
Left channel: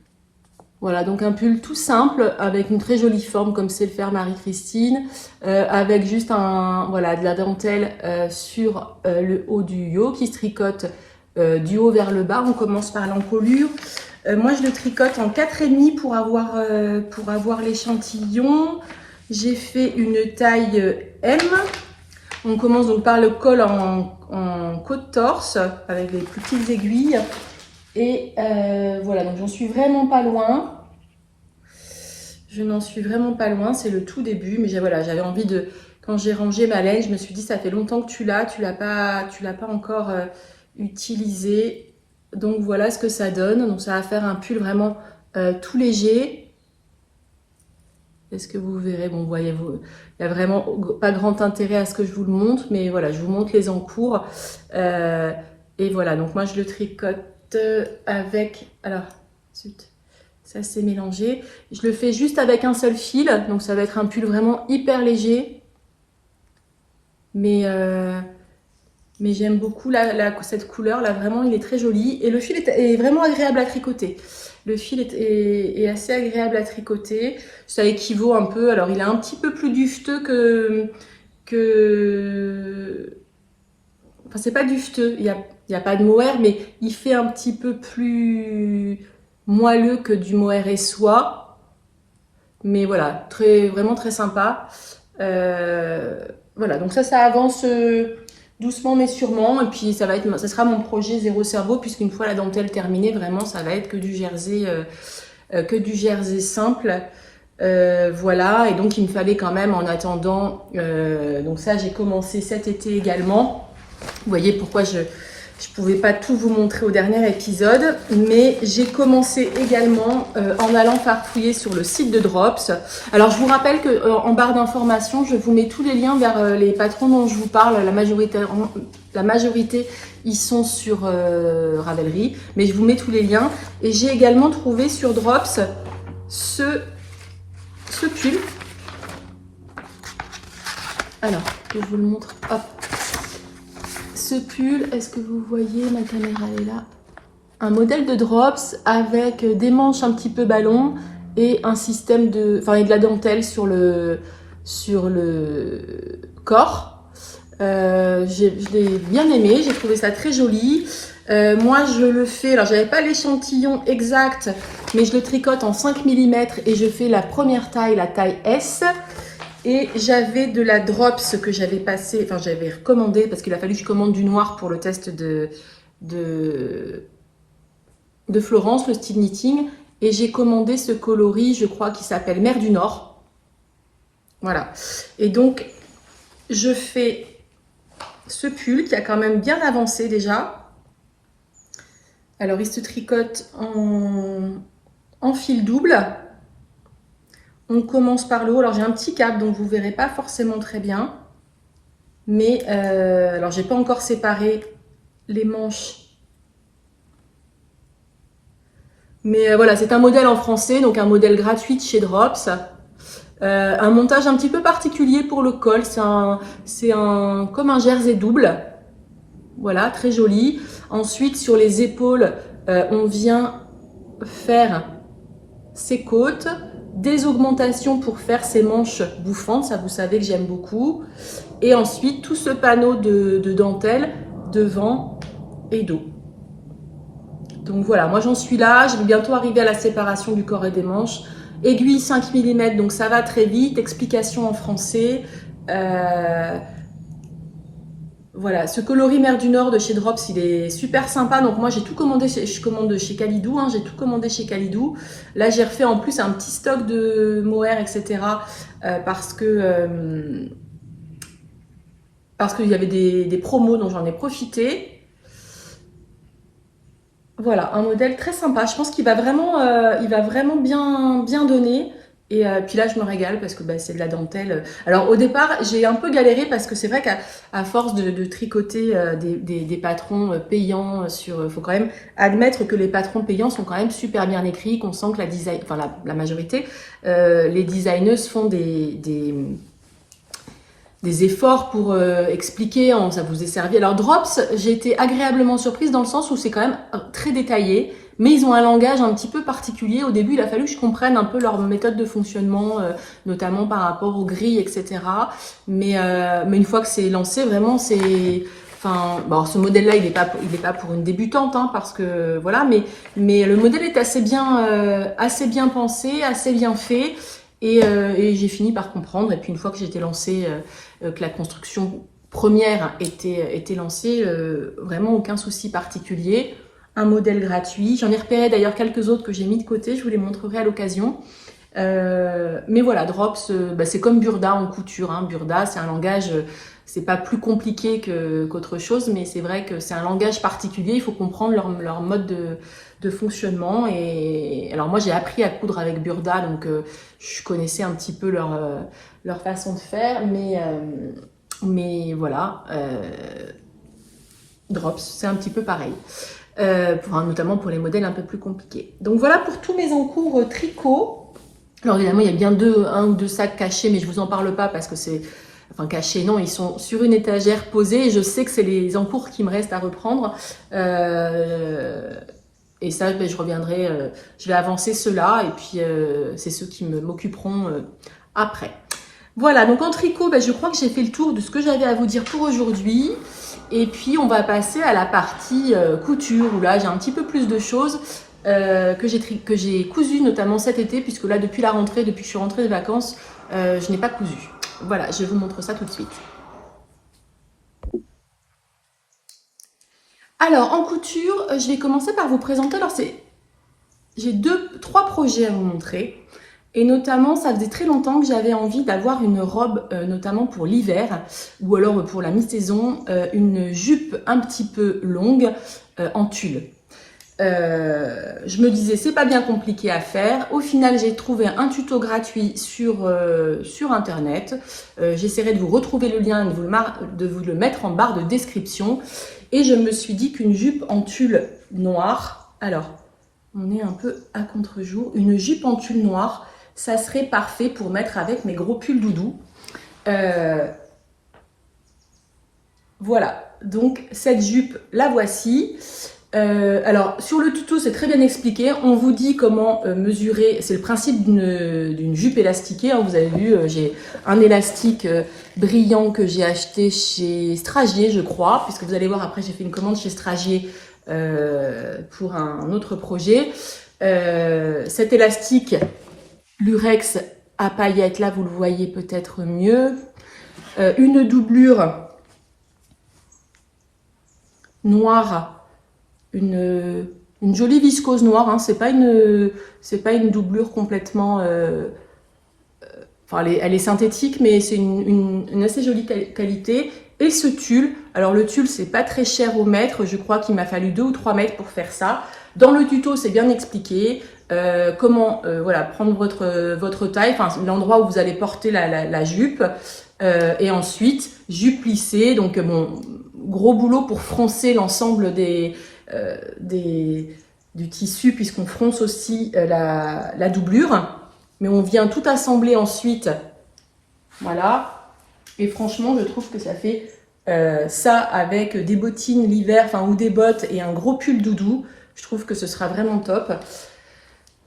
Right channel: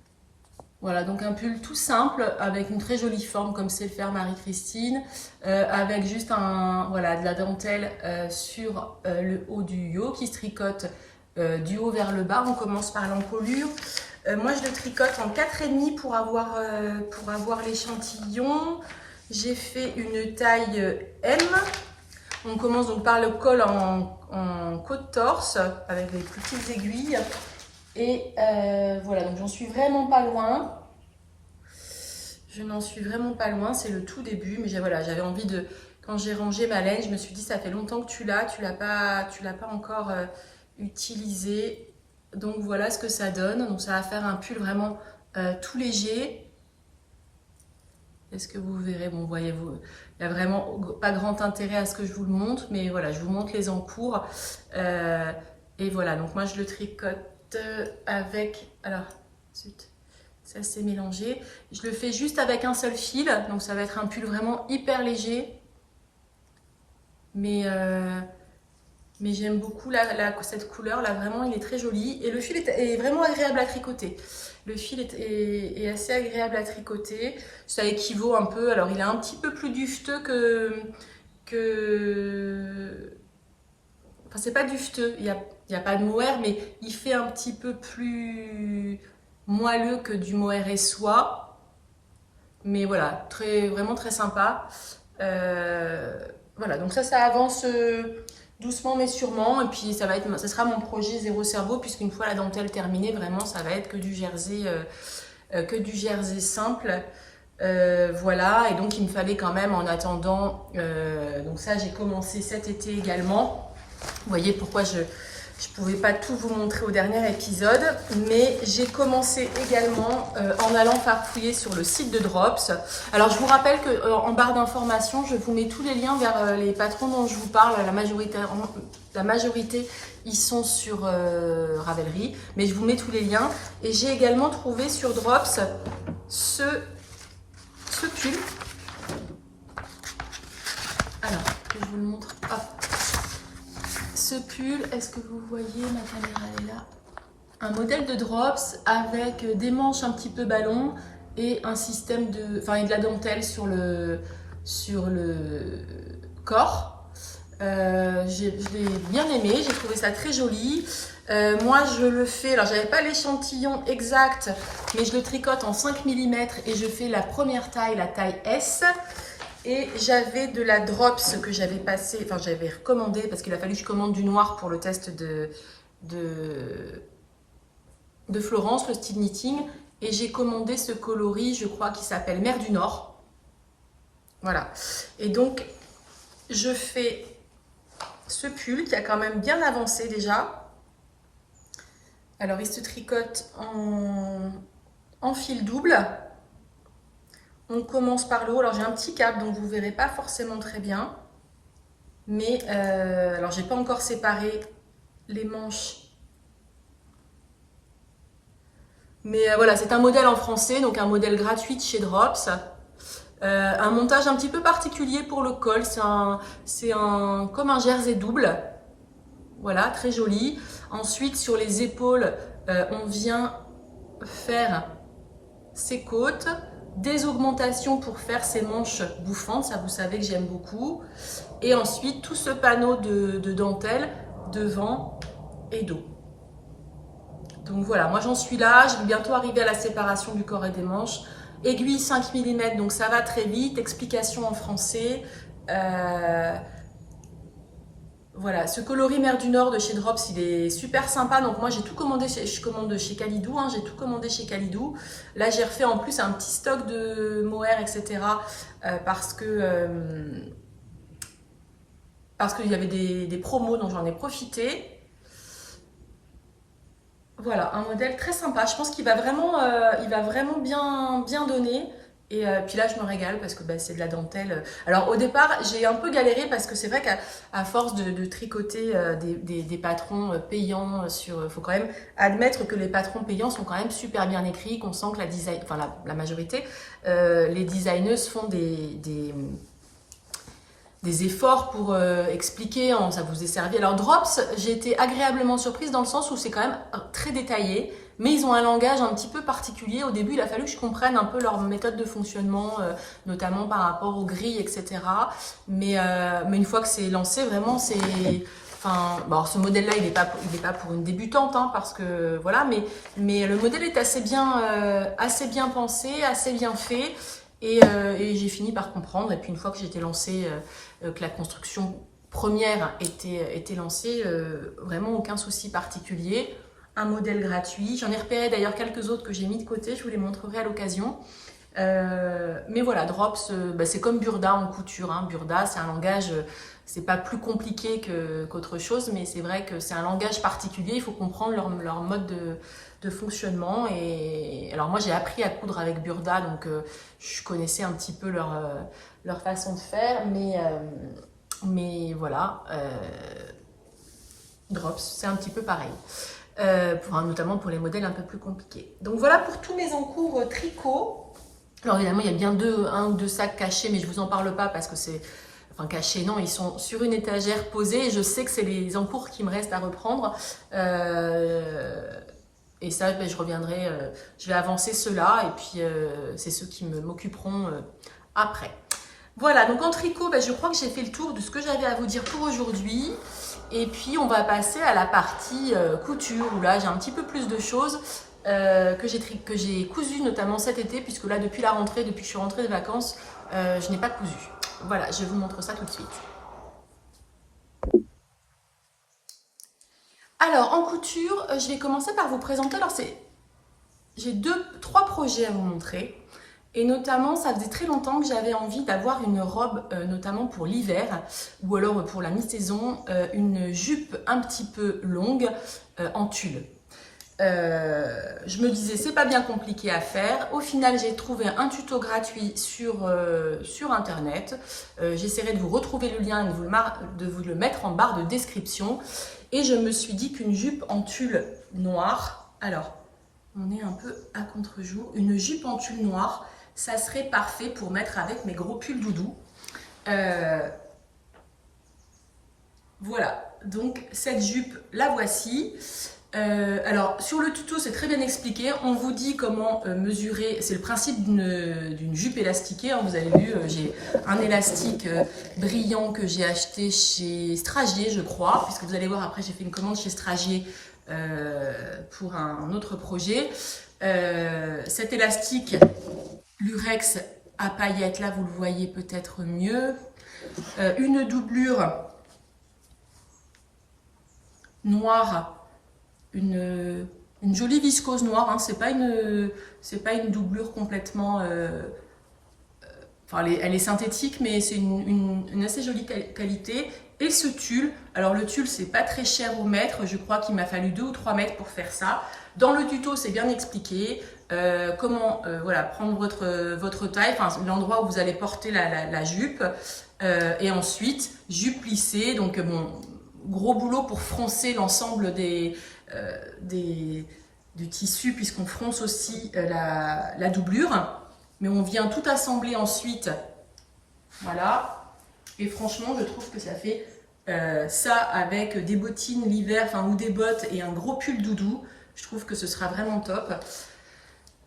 Voilà, donc un pull tout simple avec une très jolie forme comme sait le faire Marie-Christine, avec juste de la dentelle sur le haut du yo qui se tricote du haut vers le bas. On commence par l'encolure. Moi je le tricote en 4,5 pour avoir l'échantillon. J'ai fait une taille M. On commence donc par le col en côte-torse avec les plus petites aiguilles. Et voilà, donc j'en suis vraiment pas loin. Je n'en suis vraiment pas loin, c'est le tout début. Mais voilà, j'avais envie de, quand j'ai rangé ma laine, je me suis dit, ça fait longtemps que tu l'as pas encore utilisé. Donc voilà ce que ça donne. Donc ça va faire un pull vraiment tout léger. Est-ce que vous verrez? Bon, voyez-vous, il n'y a vraiment pas grand intérêt à ce que je vous le montre, mais voilà, je vous montre les encours. Et voilà, donc moi je le tricote avec... Alors, zut, ça s'est mélangé. Je le fais juste avec un seul fil, donc ça va être un pull vraiment hyper léger. Mais j'aime beaucoup cette couleur là, vraiment il est très joli et le fil est vraiment agréable à tricoter. Le fil est assez agréable à tricoter, ça équivaut un peu, alors il est un petit peu plus dufteux enfin c'est pas dufteux, il y a pas de mohair, mais il fait un petit peu plus moelleux que du mohair et soie. Mais voilà, vraiment très sympa. Voilà, donc ça avance doucement mais sûrement. Et puis ça sera mon projet zéro cerveau, puisqu'une fois la dentelle terminée, vraiment ça va être que du jersey simple. Voilà, et donc il me fallait quand même en attendant, donc ça j'ai commencé cet été également. Vous voyez pourquoi je pouvais pas tout vous montrer au dernier épisode, mais j'ai commencé également en allant farfouiller sur le site de Drops. Alors je vous rappelle que en barre d'informations, je vous mets tous les liens vers les patrons dont je vous parle. La majorité ils sont sur Ravelry, mais je vous mets tous les liens. Et j'ai également trouvé sur Drops ce pull. Alors que je vous le montre. Hop. Ce pull, est-ce que vous voyez, ma caméra elle est là, un modèle de Drops avec des manches un petit peu ballon et un système et de la dentelle sur le corps. Je l'ai bien aimé, j'ai trouvé ça très joli. Moi je le fais, alors j'avais pas l'échantillon exact, mais je le tricote en 5 mm et je fais la première taille, la taille S. Et j'avais de la Drops que j'avais passé, enfin j'avais recommandé parce qu'il a fallu que je commande du noir pour le test de Florence, le style knitting. Et j'ai commandé ce coloris, je crois, qui s'appelle Mer du Nord. Voilà. Et donc, je fais ce pull qui a quand même bien avancé déjà. Alors, il se tricote en fil double. On commence par le haut. Alors, j'ai un petit cap, donc vous ne verrez pas forcément très bien. Mais, alors, j'ai pas encore séparé les manches. Mais voilà, c'est un modèle en français, donc un modèle gratuit de chez Drops. Un montage un petit peu particulier pour le col. C'est comme un jersey double. Voilà, très joli. Ensuite, sur les épaules, on vient faire ses côtes. Des augmentations pour faire ces manches bouffantes, ça vous savez que j'aime beaucoup. Et ensuite, tout ce panneau de dentelle devant et dos. Donc voilà, moi j'en suis là, je vais bientôt arriver à la séparation du corps et des manches. Aiguille 5 mm, donc ça va très vite. Explication en français. Voilà, ce coloris Mer du Nord de chez Drops, il est super sympa. Donc moi j'ai tout commandé, je commande chez Kalidou, hein, j'ai tout commandé chez Kalidou. Là j'ai refait en plus un petit stock de mohair, etc. Parce qu'il y avait des promos, donc j'en ai profité. Voilà, un modèle très sympa. Je pense qu'il va vraiment bien donner. Et puis là, je me régale parce que c'est de la dentelle. Alors au départ, j'ai un peu galéré parce que c'est vrai qu'à force de tricoter des patrons payants faut quand même admettre que les patrons payants sont quand même super bien écrits, qu'on sent que la majorité, les designers font des efforts pour expliquer, ça vous est servi. Alors Drops, j'ai été agréablement surprise dans le sens où c'est quand même très détaillé, mais ils ont un langage un petit peu particulier. Au début, il a fallu que je comprenne un peu leur méthode de fonctionnement, notamment par rapport aux grilles, etc. Mais une fois que c'est lancé, vraiment, c'est... Enfin, bon, ce modèle-là, il n'est pas pour une débutante, hein, parce que voilà, mais le modèle est assez bien pensé, assez bien fait. Et j'ai fini par comprendre. Et puis une fois que j'étais lancée, que la construction première était lancée, vraiment aucun souci particulier. Un modèle gratuit. J'en ai repéré d'ailleurs quelques autres que j'ai mis de côté. Je vous les montrerai à l'occasion. Mais voilà, Drops, bah, c'est comme Burda en couture. Hein. Burda, c'est un langage, c'est pas plus compliqué qu'autre chose, mais c'est vrai que c'est un langage particulier. Il faut comprendre leur mode de fonctionnement. Et alors moi, j'ai appris à coudre avec Burda, donc je connaissais un petit peu leur façon de faire, mais voilà, Drops, c'est un petit peu pareil. Notamment pour les modèles un peu plus compliqués. Donc voilà pour tous mes encours tricot. Alors évidemment, il y a bien un ou deux sacs cachés, mais je vous en parle pas parce que c'est... Enfin, cachés, non, ils sont sur une étagère posée et je sais que c'est les encours qui me restent à reprendre. Et ça, ben, je reviendrai, je vais avancer ceux-là et puis c'est ceux qui m'occuperont après. Voilà, donc en tricot, ben, je crois que j'ai fait le tour de ce que j'avais à vous dire pour aujourd'hui. Et puis, on va passer à la partie couture, où là, j'ai un petit peu plus de choses que j'ai cousues, notamment cet été, puisque là, depuis la rentrée, depuis que je suis rentrée de vacances, je n'ai pas cousu. Voilà, je vous montre ça tout de suite. Alors, en couture, je vais commencer par vous présenter. Alors, j'ai trois projets à vous montrer. Et notamment, ça faisait très longtemps que j'avais envie d'avoir une robe, notamment pour l'hiver, ou alors pour la mi-saison, une jupe un petit peu longue en tulle. Je me disais, c'est pas bien compliqué à faire. Au final, j'ai trouvé un tuto gratuit sur Internet. J'essaierai de vous retrouver le lien et de vous le mettre en barre de description. Et je me suis dit qu'une jupe en tulle noire, alors, on est un peu à contre-jour, une jupe en tulle noire, ça serait parfait pour mettre avec mes gros pulls doudou. Voilà, donc cette jupe, la voici. Alors, sur le tuto, c'est très bien expliqué. On vous dit comment mesurer. C'est le principe d'une jupe élastiquée. Hein. Vous avez vu, j'ai un élastique brillant que j'ai acheté chez Stragier, je crois. Puisque vous allez voir, après, j'ai fait une commande chez Stragier pour un autre projet. Cet élastique Lurex à paillettes, là, vous le voyez peut-être mieux. Une doublure noire, une jolie viscose noire, hein. C'est pas une doublure complètement... Enfin, elle est synthétique, mais c'est une assez jolie qualité. Et ce tulle, alors le tulle, c'est pas très cher au mètre. Je crois qu'il m'a fallu 2 ou 3 mètres pour faire ça. Dans le tuto, c'est bien expliqué. Comment voilà, prendre votre taille, enfin l'endroit où vous allez porter la jupe. Et ensuite, jupe plissée. Donc, bon, gros boulot pour froncer l'ensemble du tissu, puisqu'on fronce aussi la doublure. Mais on vient tout assembler ensuite. Voilà. Et franchement, je trouve que ça fait ça avec des bottines l'hiver, enfin, ou des bottes et un gros pull doudou. Je trouve que ce sera vraiment top.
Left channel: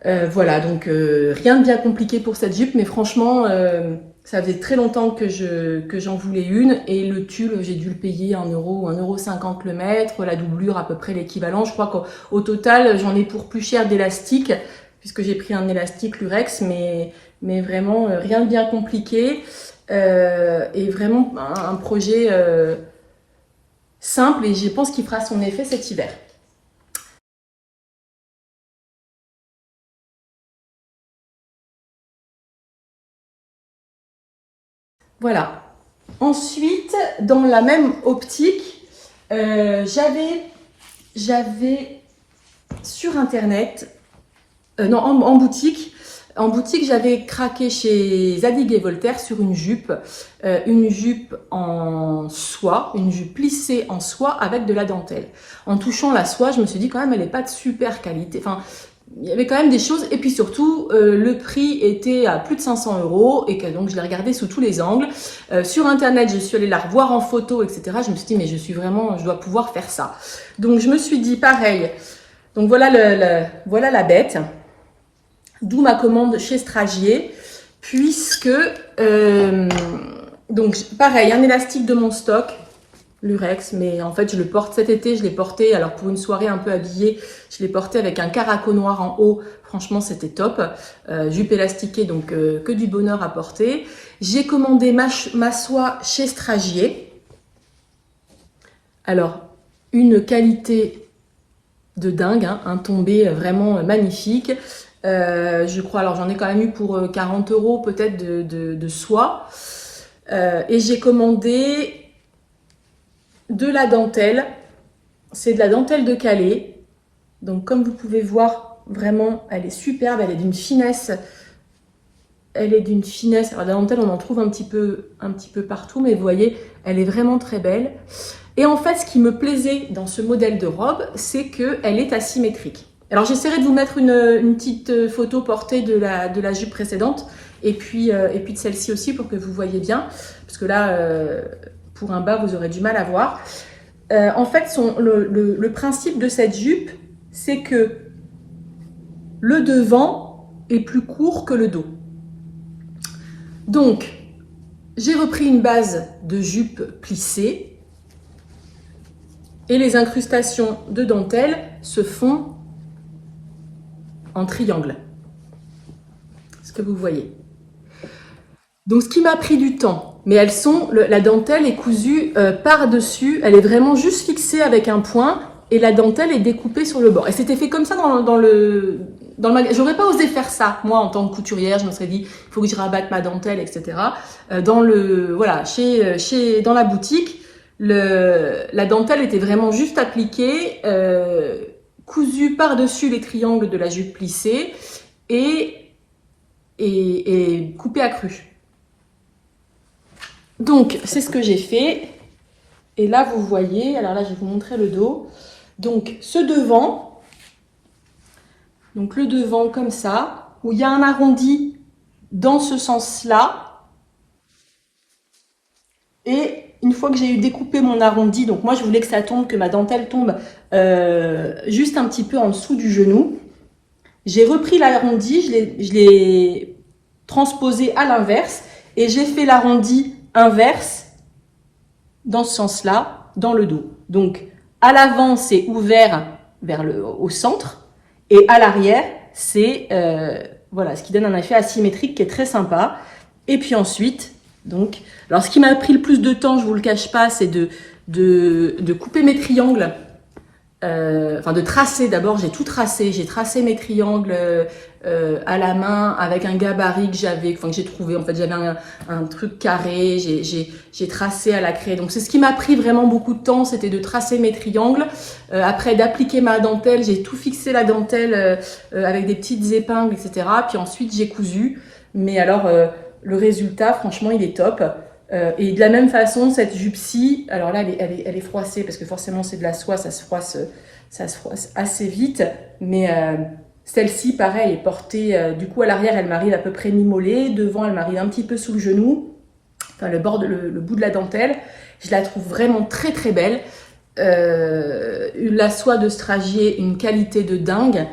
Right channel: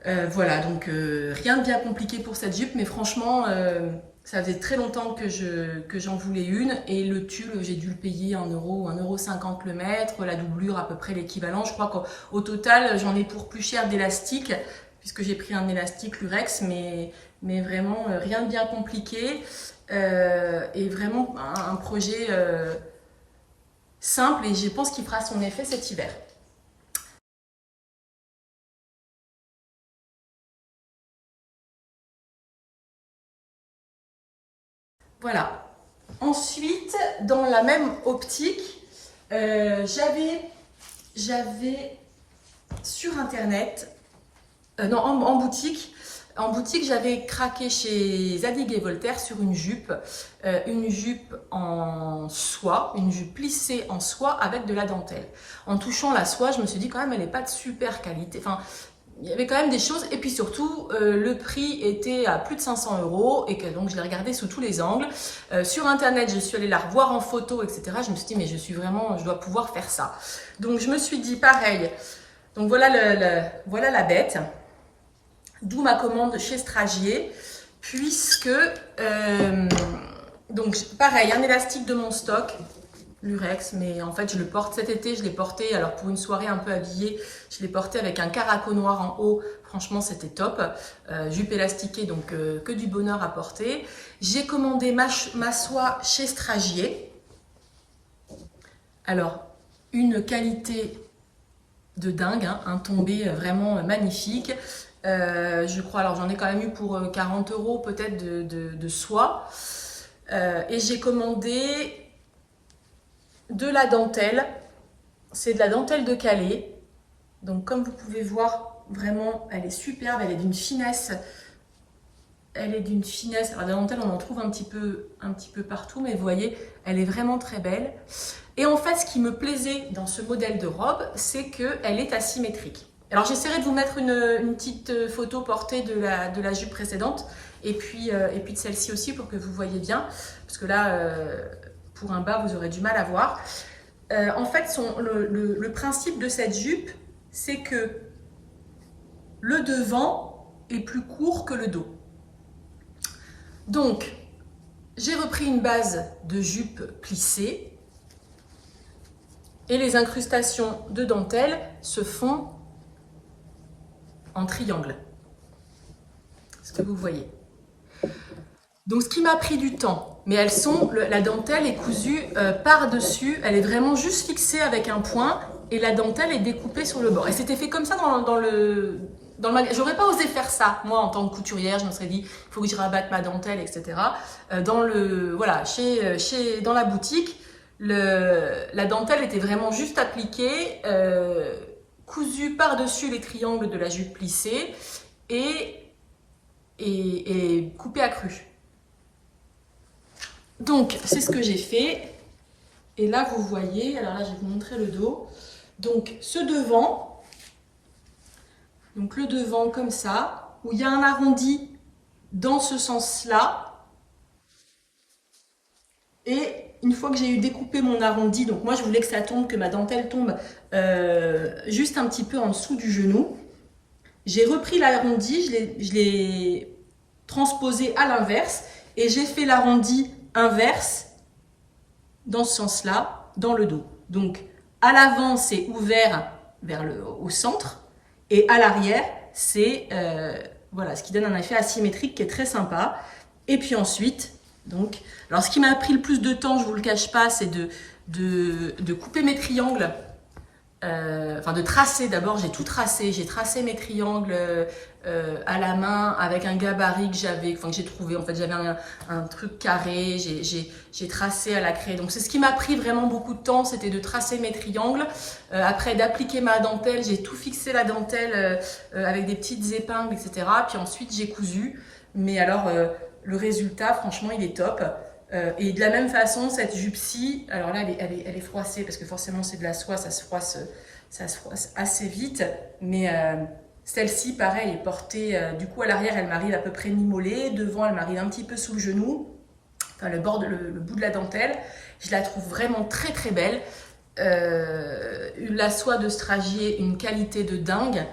Voilà, donc rien de bien compliqué pour cette jupe, mais franchement, ça faisait très longtemps que j'en voulais une. Et le tulle, j'ai dû le payer 1 euro ou 1,50 € le mètre. La doublure, à peu près l'équivalent. Je crois qu'au total, j'en ai pour plus cher d'élastique, puisque j'ai pris un élastique Lurex, mais vraiment rien de bien compliqué. Et vraiment un projet simple, et je pense qu'il fera son effet cet hiver. Voilà. Ensuite, dans la même optique, j'avais sur Internet, non, en boutique, j'avais craqué chez Zadig et Voltaire sur une jupe en soie, une jupe plissée en soie avec de la dentelle. En touchant la soie, je me suis dit quand même, elle n'est pas de super qualité. Enfin, il y avait quand même des choses, et puis surtout, le prix était à plus de 500 €, et que donc je l'ai regardé sous tous les angles. Sur Internet, je suis allée la revoir en photo, etc. Je me suis dit, mais je dois pouvoir faire ça. Donc je me suis dit, pareil, donc voilà la bête. D'où ma commande chez Stragier, puisque, donc pareil, un élastique de mon stock, Lurex, mais en fait je le porte cet été, je l'ai porté, alors pour une soirée un peu habillée, je l'ai porté avec un caraco noir en haut, franchement c'était top, jupe élastiquée, donc que du bonheur à porter. J'ai commandé ma soie chez Stragier, alors une qualité de dingue, hein, un tombé vraiment magnifique. Je crois, alors j'en ai quand même eu pour 40 € peut-être de soie. Et j'ai commandé de la dentelle. C'est de la dentelle de Calais. Donc comme vous pouvez voir, vraiment, elle est superbe, elle est d'une finesse. Elle est d'une finesse. Alors la dentelle, on en trouve un petit peu partout, mais vous voyez, elle est vraiment très belle. Et en fait, ce qui me plaisait dans ce modèle de robe, c'est qu'elle est asymétrique. Alors j'essaierai de vous mettre une petite photo portée de la jupe précédente et puis de celle-ci aussi pour que vous voyez bien. Parce que là, pour un bas, vous aurez du mal à voir. En fait, le principe de cette jupe, c'est que le devant est plus court que le dos. Donc, j'ai repris une base de jupe plissée et les incrustations de dentelle se font en triangle. Ce que vous voyez. Donc, ce qui m'a pris du temps, mais la dentelle est cousue par-dessus, elle est vraiment juste fixée avec un point et la dentelle est découpée sur le bord. Et c'était fait comme ça dans le magasin. J'aurais pas osé faire ça, moi, en tant que couturière. Je me serais dit, il faut que je rabatte ma dentelle, etc. Dans la boutique, la dentelle était vraiment juste appliquée, cousue par-dessus les triangles de la jupe plissée et coupée à cru. Donc, c'est ce que j'ai fait. Et là, vous voyez, alors là, je vais vous montrer le dos. Donc, le devant comme ça, où il y a un arrondi dans ce sens-là. Et une fois que j'ai eu découpé mon arrondi, donc moi, je voulais que ma dentelle tombe juste un petit peu en dessous du genou. J'ai repris l'arrondi, je l'ai transposé à l'inverse et j'ai fait l'arrondi inverse dans ce sens-là, dans le dos. Donc, à l'avant, c'est ouvert au centre et à l'arrière, c'est voilà, ce qui donne un effet asymétrique qui est très sympa. Et puis ensuite, donc, alors ce qui m'a pris le plus de temps, je vous le cache pas, c'est de couper mes triangles. De tracer, d'abord j'ai tout tracé, j'ai tracé mes triangles à la main avec un gabarit que j'ai trouvé, en fait j'avais un truc carré, j'ai tracé à la craie, donc c'est ce qui m'a pris vraiment beaucoup de temps, c'était de tracer mes triangles, après d'appliquer ma dentelle, j'ai tout fixé la dentelle avec des petites épingles, etc. Puis ensuite j'ai cousu, mais alors le résultat franchement il est top. Et de la même façon, cette jupe-ci, alors là, elle est froissée parce que forcément c'est de la soie, ça se froisse assez vite. Mais celle-ci, pareil, elle est portée. Du coup, à l'arrière, elle m'arrive à peu près mi-mollet. Devant, elle m'arrive un petit peu sous le genou. Enfin, le bout de la dentelle. Je la trouve vraiment très très belle. La soie de Stragier, une qualité de dingue.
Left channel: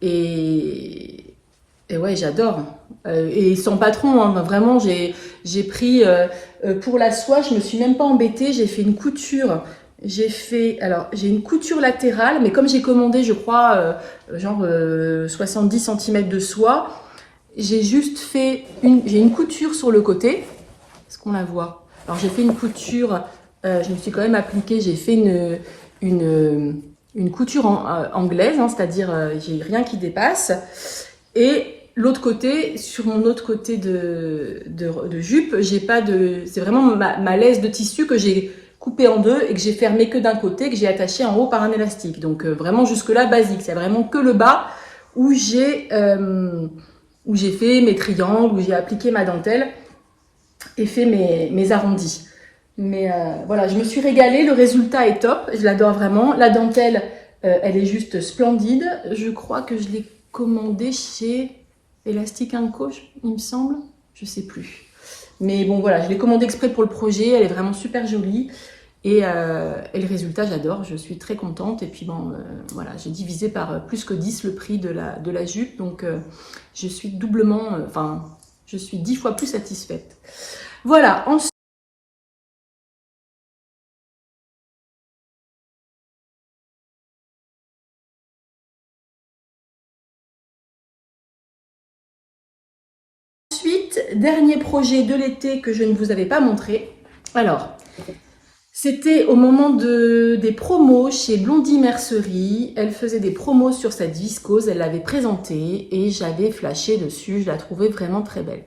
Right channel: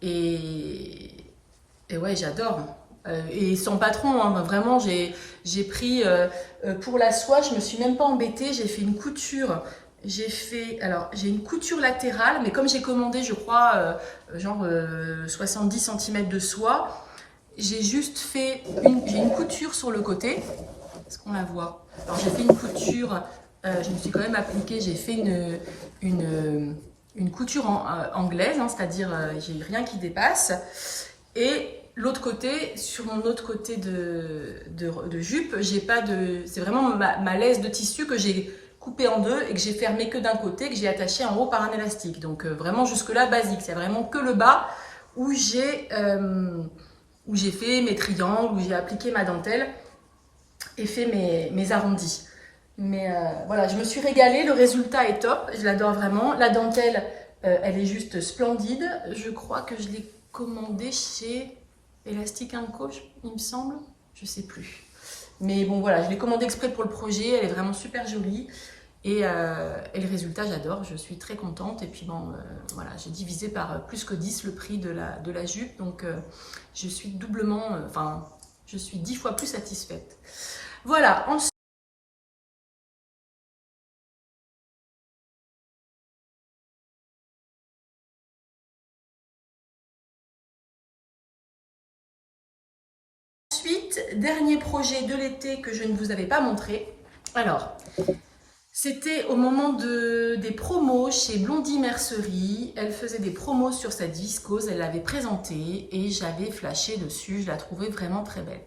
Et ouais, j'adore. Et sans patron, hein, vraiment, j'ai pris pour la soie, je me suis même pas embêtée, j'ai fait une couture. J'ai une couture latérale, mais comme j'ai commandé, je crois, 70 cm de soie, j'ai juste fait j'ai une couture sur le côté. Est-ce qu'on la voit? Alors j'ai fait une couture, je me suis quand même appliquée, j'ai fait une couture anglaise, hein, c'est-à-dire j'ai rien qui dépasse. Et l'autre côté, sur mon autre côté de jupe, c'est vraiment ma laisse de tissu que j'ai coupée en deux et que j'ai fermée que d'un côté, que j'ai attachée en haut par un élastique. Donc vraiment jusque-là basique. C'est vraiment que le bas où j'ai fait mes triangles, où j'ai appliqué ma dentelle et fait mes arrondis. Mais voilà, je me suis régalée, le résultat est top, je l'adore vraiment. La dentelle, elle est juste splendide. Je crois que je l'ai commandée chez Elastic & Co, il me semble, je sais plus. Mais bon voilà, je l'ai commandée exprès pour le projet, elle est vraiment super jolie. Et le résultat, j'adore, je suis très contente. Et puis bon, voilà, j'ai divisé par plus que 10 le prix de la jupe. Donc je suis doublement, je suis 10 fois plus satisfaite. Voilà, ensuite, dernier projet de l'été que je ne vous avais pas montré. Alors, C'était au moment des promos chez Blondie Mercerie. Elle faisait des promos sur cette viscose, elle l'avait présentée et j'avais flashé dessus. Je la trouvais vraiment très belle.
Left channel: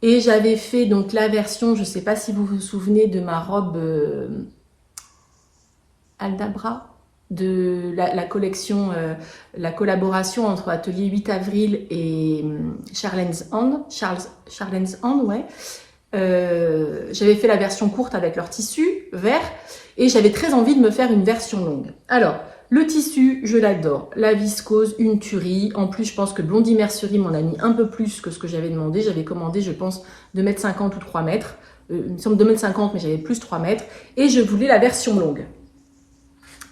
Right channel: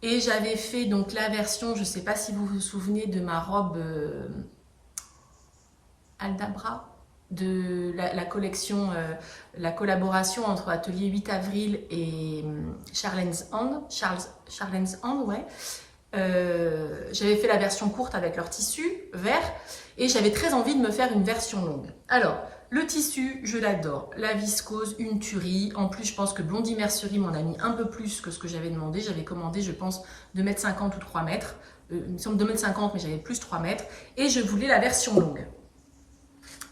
Et j'avais fait donc la version, je ne sais pas si vous vous souvenez de ma robe Aldabra, de la collection, la collaboration entre Atelier 8 avril et Charlens Hand, ouais. J'avais fait la version courte avec leur tissu vert et j'avais très envie de me faire une version longue. Alors, le tissu, je l'adore. La viscose, une tuerie. En plus, je pense que Blondie Mercerie m'en a mis un peu plus que ce que j'avais demandé. J'avais commandé, je pense, 2,50 m ou 3 mètres. Il me semble 2,50 m, mais j'avais plus 3 mètres. Et je voulais la version longue.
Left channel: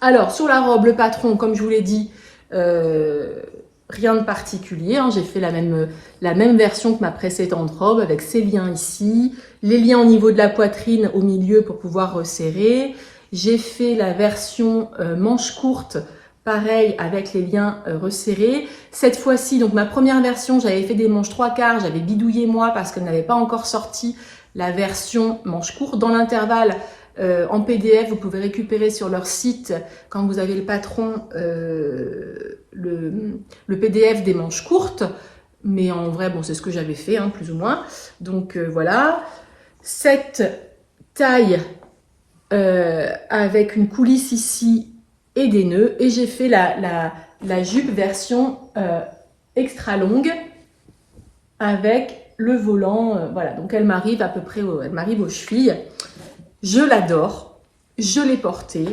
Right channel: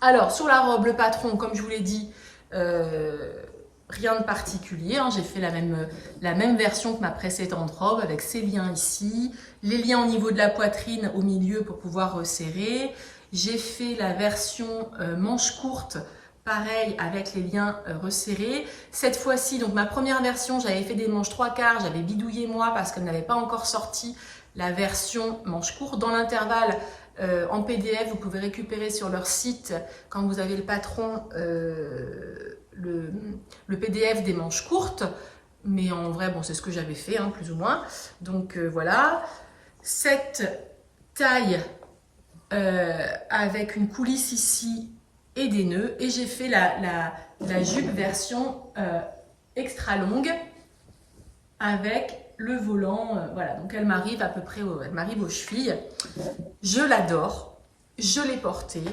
Alors, sur la robe, le patron, comme je vous l'ai dit, rien de particulier, hein. J'ai fait la même version que ma précédente robe avec ces liens ici, les liens au niveau de la poitrine au milieu pour pouvoir resserrer. J'ai fait la version manche courte, pareil avec les liens resserrés. Cette fois-ci, donc ma première version, j'avais fait des manches 3/4, j'avais bidouillé moi parce qu'elle n'avait pas encore sorti la version manche courte. Dans l'intervalle, en PDF, vous pouvez récupérer sur leur site, quand vous avez le patron, le PDF des manches courtes. Mais en vrai, bon, c'est ce que j'avais fait, hein, plus ou moins. Donc voilà. Cette taille avec une coulisse ici et des nœuds. Et j'ai fait la jupe version extra longue avec le volant. Voilà, donc elle m'arrive à peu près elle m'arrive aux chevilles. Je l'adore, je l'ai portée,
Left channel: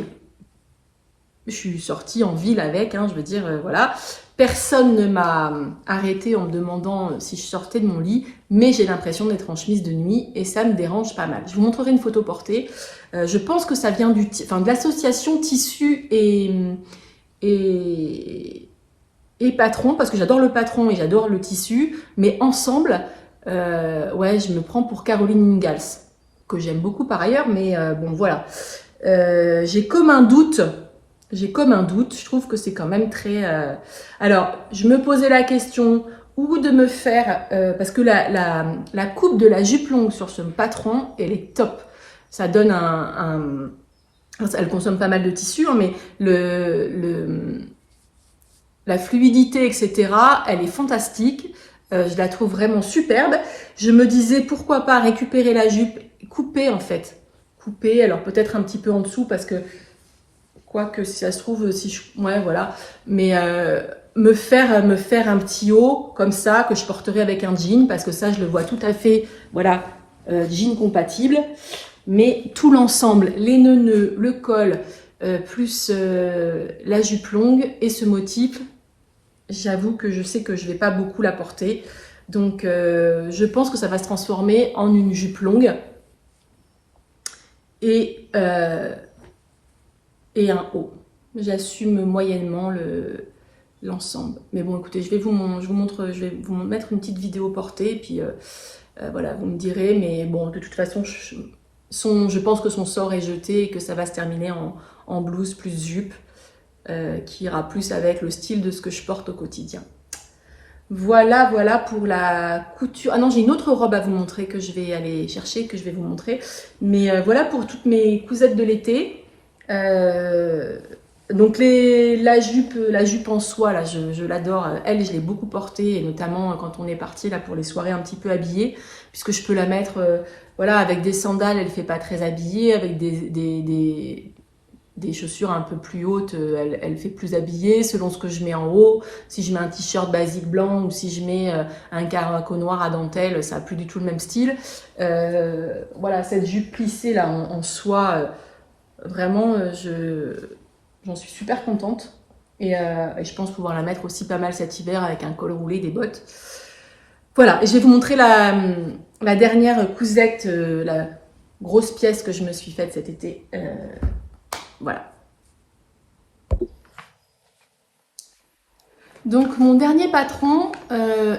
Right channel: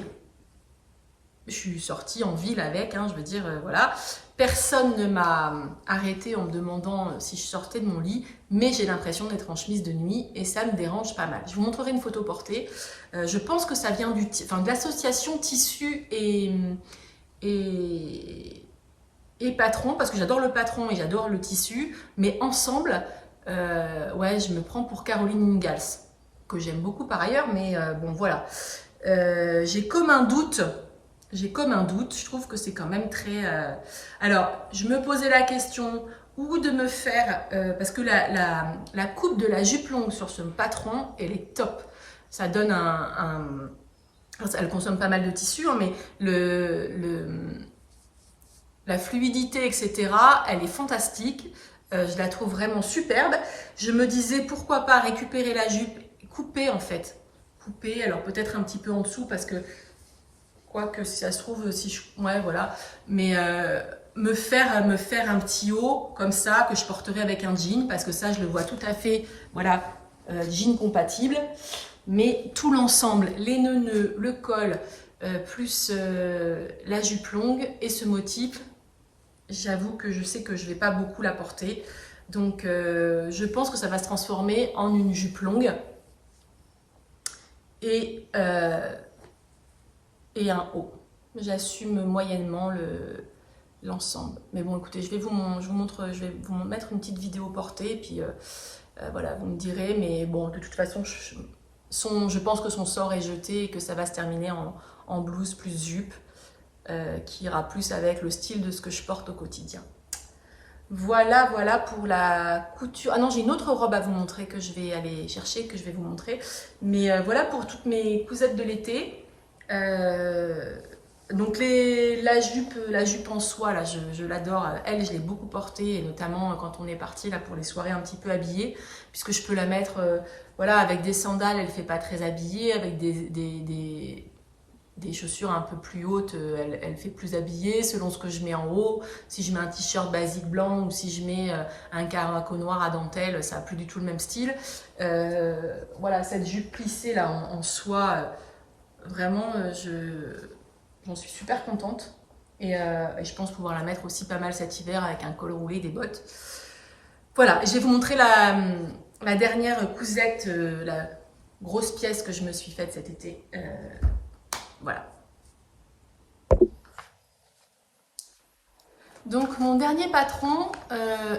je suis sortie en ville avec, hein, je veux dire, voilà. Personne ne m'a arrêtée en me demandant si je sortais de mon lit, mais j'ai l'impression d'être en chemise de nuit et ça me dérange pas mal. Je vous montrerai une photo portée. Je pense que ça vient de l'association tissu et patron, parce que j'adore le patron et j'adore le tissu, mais ensemble, ouais, je me prends pour Caroline Ingalls, que j'aime beaucoup par ailleurs, mais bon, voilà. J'ai comme un doute, je trouve que c'est quand même très... Alors, je me posais la question ou de me faire... parce que la coupe de la jupe longue sur ce patron, elle est top. Ça donne elle consomme pas mal de tissu, hein, mais la fluidité, etc., elle est fantastique. Je la trouve vraiment superbe. Je me disais, pourquoi pas récupérer la jupe, couper en fait. Couper, alors peut-être un petit peu en dessous, parce que, quoique si ça se trouve, ouais, voilà. Mais me faire un petit haut, comme ça, que je porterai avec un jean, parce que ça, je le vois tout à fait, voilà, jean compatible. Mais tout l'ensemble, les nœuds, le col, plus la jupe longue et ce motif, j'avoue que je sais que je vais pas beaucoup la porter. Donc, je pense que ça va se transformer en une jupe longue et un haut. J'assume moyennement l'ensemble. Mais bon, écoutez, je vais vous mettre une petite vidéo portée. Et puis, voilà, vous me direz. Mais bon, de toute façon, je pense que son sort est jeté et que ça va se terminer en blouse plus jupe. Qui ira plus avec le style de ce que je porte au quotidien. Voilà pour la couture. Ah non, j'ai une autre robe à vous montrer que je vais aller chercher, que je vais vous montrer. Mais voilà pour toutes mes cousettes de l'été. Donc la jupe en soie, là, je l'adore. Elle, je l'ai beaucoup portée, et notamment quand on est parti là pour les soirées un petit peu habillées, puisque je peux la mettre, voilà, avec des sandales, elle fait pas très habillée, avec des chaussures un peu plus hautes, elle fait plus habillée selon ce que je mets en haut. Si je mets un t-shirt basique blanc ou si je mets un caraco noir à dentelle, ça n'a plus du tout le même style. Voilà, cette jupe plissée là en soie, vraiment, j'en suis super contente. Et je pense pouvoir la mettre aussi pas mal cet hiver avec un col roulé, des bottes. Voilà, et je vais vous montrer la dernière cousette, la grosse pièce que je me suis faite cet été. Voilà. Donc mon dernier patron,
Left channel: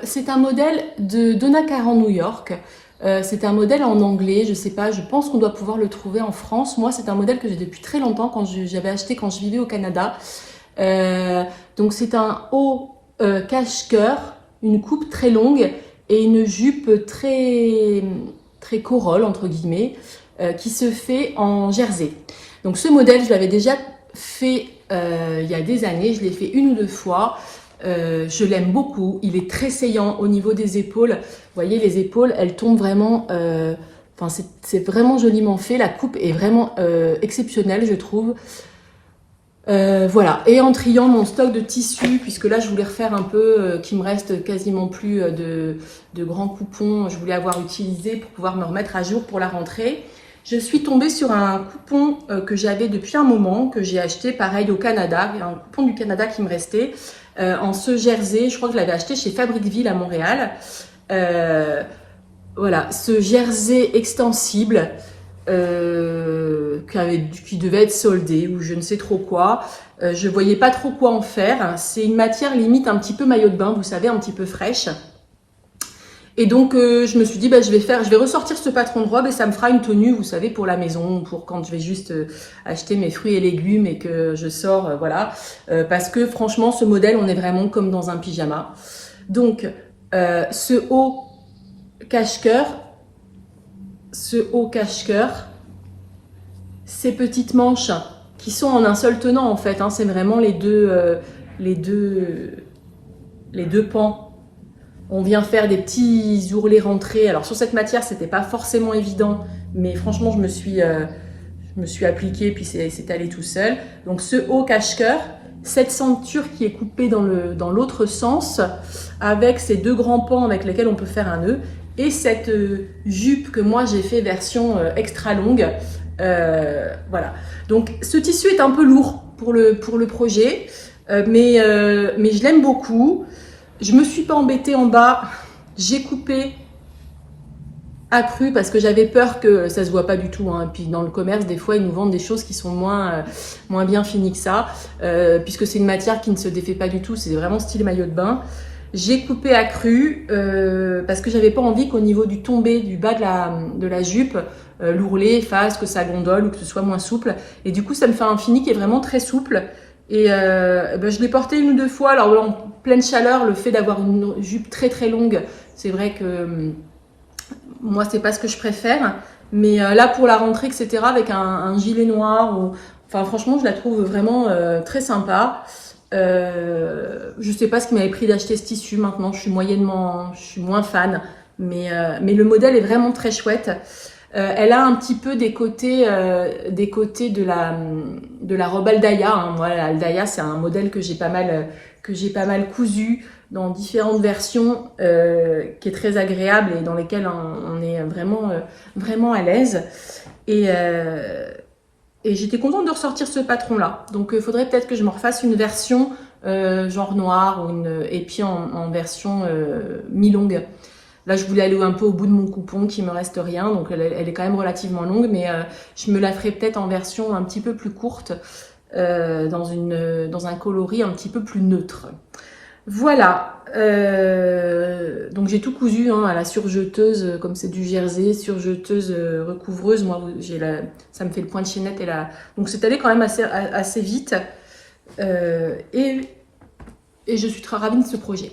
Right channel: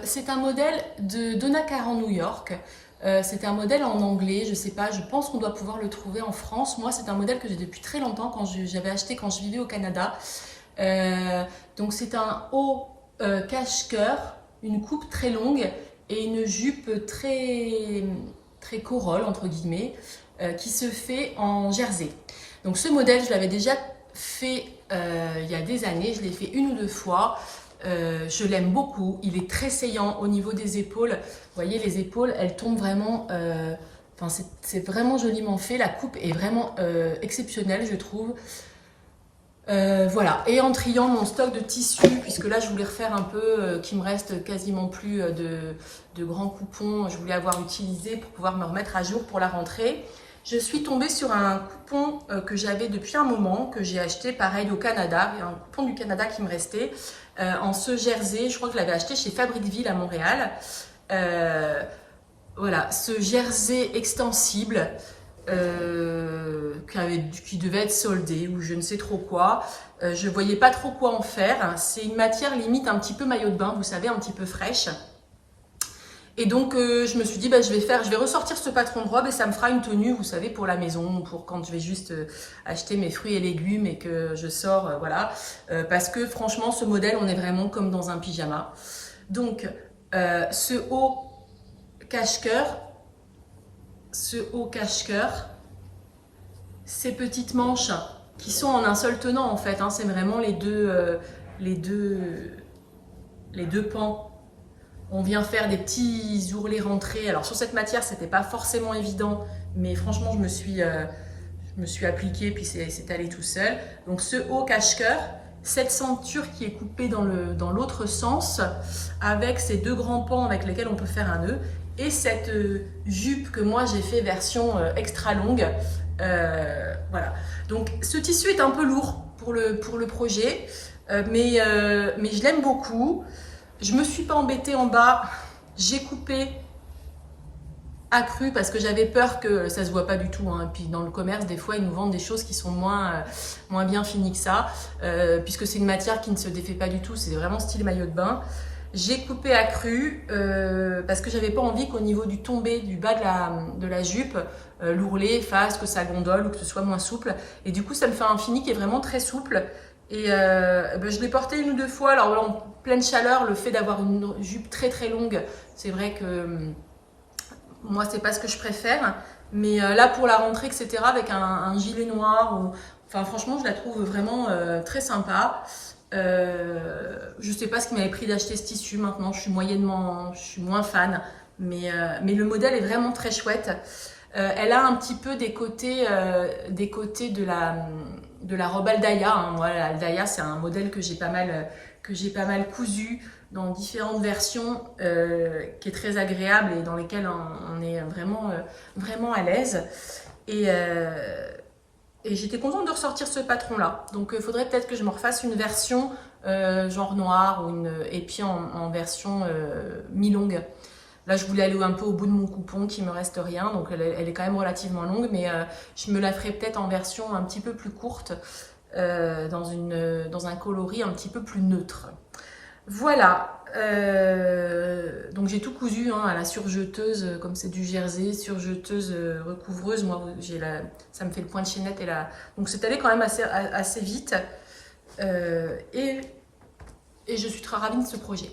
c'est un modèle de Donna Karan New York. C'est un modèle en anglais, je sais pas, je pense qu'on doit pouvoir le trouver en France. Moi, c'est un modèle que j'ai depuis très longtemps, j'avais acheté quand je vivais au Canada. Donc c'est un haut cache-cœur, une coupe très longue et une jupe très corolle entre guillemets. qui se fait en jersey. Donc ce modèle, je l'avais déjà fait il y a des années, je l'ai fait 1 ou 2 fois. Je l'aime beaucoup, il est très saillant au niveau des épaules. Vous voyez, les épaules, elles tombent vraiment... Enfin, c'est vraiment joliment fait, la coupe est vraiment exceptionnelle, je trouve. Voilà, et en triant mon stock de tissus, puisque là je voulais refaire un peu, qu'il me reste quasiment plus de grands coupons, je voulais avoir utilisé pour pouvoir me remettre à jour pour la rentrée. Je suis tombée sur un coupon que j'avais depuis un moment, que j'ai acheté pareil au Canada, il y a un coupon du Canada qui me restait, en ce jersey, je crois que je l'avais acheté chez Fabricville à Montréal. Voilà, ce jersey extensible, qui devait être soldé ou je ne sais trop quoi. Je voyais pas trop quoi en faire. C'est une matière limite un petit peu maillot de bain, vous savez, un petit peu fraîche. Et donc je me suis dit, je vais ressortir ce patron de robe et ça me fera une tenue, vous savez, pour la maison, pour quand je vais juste acheter mes fruits et légumes et que je sors, voilà. Parce que franchement, ce modèle, on est vraiment comme dans un pyjama. Donc ce haut cache-cœur, ces petites manches qui sont en un seul tenant en fait, hein, c'est vraiment les deux pans. On vient faire des petits ourlets rentrés. Alors sur cette matière, c'était pas forcément évident, mais franchement, je me suis appliquée, puis c'est allé tout seul. Donc ce haut cache-cœur, cette ceinture qui est coupée dans l'autre sens, avec ces 2 grands pans avec lesquels on peut faire un nœud, et cette jupe que moi j'ai fait version extra longue. Voilà. Donc ce tissu est un peu lourd pour le projet, mais je l'aime beaucoup. Je me suis pas embêtée en bas, j'ai coupé accru parce que j'avais peur que ça se voit pas du tout, hein. Puis dans le commerce, des fois, ils nous vendent des choses qui sont moins bien finies que ça, puisque c'est une matière qui ne se défait pas du tout, c'est vraiment style maillot de bain. J'ai coupé accru parce que j'avais pas envie qu'au niveau du tombé du bas de la jupe, l'ourlet fasse que ça gondole ou que ce soit moins souple. Et du coup, ça me fait un fini qui est vraiment très souple. Et je l'ai porté 1 ou 2 fois. Alors en pleine chaleur, le fait d'avoir une jupe très très longue, c'est vrai que moi c'est pas ce que je préfère. Mais là pour la rentrée, etc., avec un gilet noir, enfin franchement je la trouve vraiment très sympa. Je sais pas ce qui m'avait pris d'acheter ce tissu. Maintenant je suis moins fan, mais le modèle est vraiment très chouette. Elle a un petit peu des côtés de la robe Aldaïa, hein. Voilà, Aldaïa, c'est un modèle que j'ai pas mal cousu dans différentes versions, qui est très agréable et dans lesquelles on est vraiment à l'aise. Et j'étais contente de ressortir ce patron-là. Donc il faudrait peut-être que je me refasse une version genre noire et puis en version mi-longue. Là, je voulais aller un peu au bout de mon coupon, qui me reste rien, donc elle est quand même relativement longue, mais je me la ferai peut-être en version un petit peu plus courte, dans un coloris un petit peu plus neutre. Voilà, donc j'ai tout cousu, hein, à la surjeteuse, comme c'est du jersey, surjeteuse recouvreuse. Moi, ça me fait le point de chaînette donc c'est allé quand même assez vite, et je suis très ravie de ce projet.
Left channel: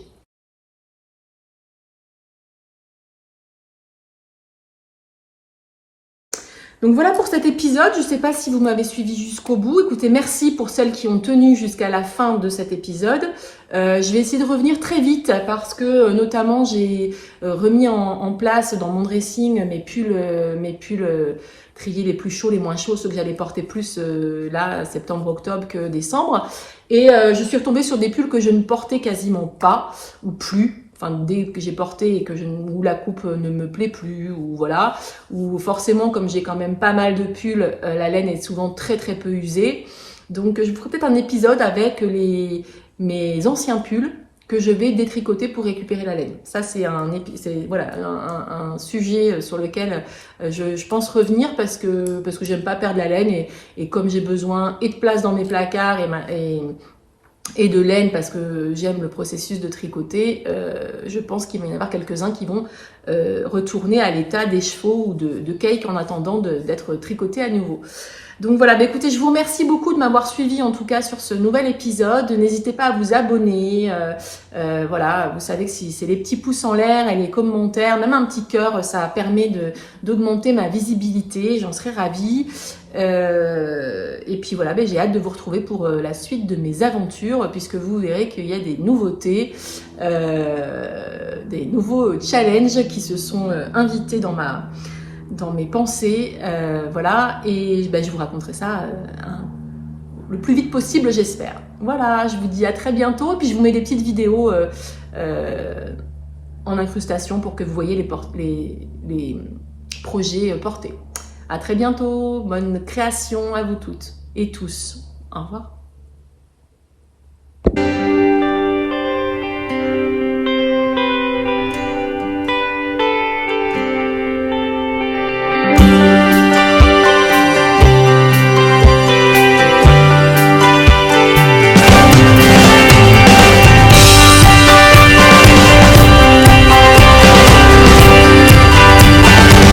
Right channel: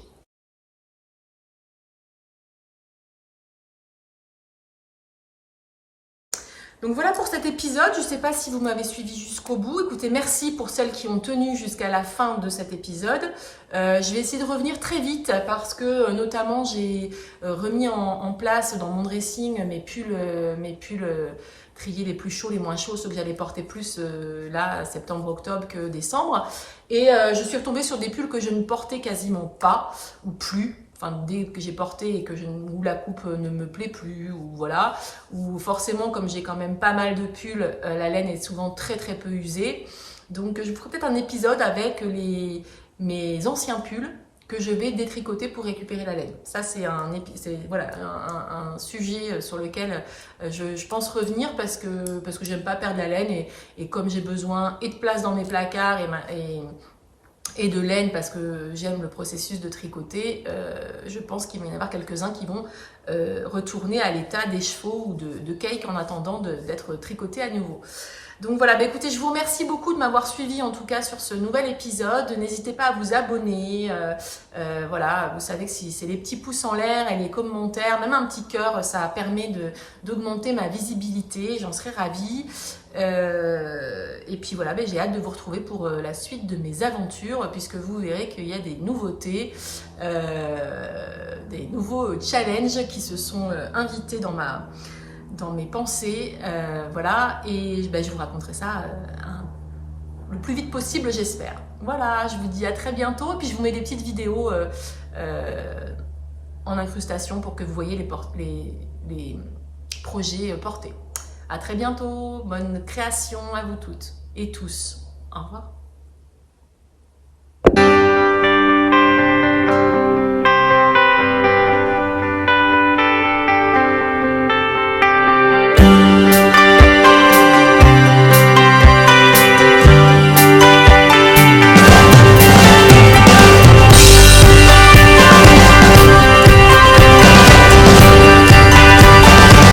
Donc voilà pour cet épisode. Je ne sais pas si vous m'avez suivi jusqu'au bout. Écoutez, merci pour celles qui ont tenu jusqu'à la fin de cet épisode. Je vais essayer de revenir très vite parce que notamment j'ai remis en place dans mon dressing mes pulls triés les plus chauds, les moins chauds, ceux que j'allais porter plus là, septembre-octobre que décembre. Et je suis retombée sur des pulls que je ne portais quasiment pas ou plus. Enfin, dès que j'ai porté et où la coupe ne me plaît plus, ou voilà, ou forcément, comme j'ai quand même pas mal de pulls, la laine est souvent très très peu usée. Donc je vous ferai peut-être un épisode avec mes anciens pulls que je vais détricoter pour récupérer la laine. Ça, c'est voilà, un sujet sur lequel je pense revenir parce que j'aime pas perdre la laine et comme j'ai besoin et de place dans mes placards et de laine parce que j'aime le processus de tricoter, je pense qu'il va y en avoir quelques-uns qui vont retourner à l'état des chevaux ou de cake en attendant d'être tricotés à nouveau. Donc voilà, bah écoutez, je vous remercie beaucoup de m'avoir suivi en tout cas sur ce nouvel épisode. N'hésitez pas à vous abonner. Voilà, vous savez que si c'est les petits pouces en l'air et les commentaires, même un petit cœur, ça permet d'augmenter ma visibilité. J'en serais ravie. Et puis voilà, bah, j'ai hâte de vous retrouver pour la suite de mes aventures, puisque vous verrez qu'il y a des nouveautés, des nouveaux challenges qui se sont invités dans mes pensées, voilà, et ben, je vous raconterai ça le plus vite possible, j'espère. Voilà, je vous dis à très bientôt, et puis je vous mets des petites vidéos en incrustation pour que vous voyez les projets portés. À très bientôt, bonne création à vous toutes et tous. Au revoir.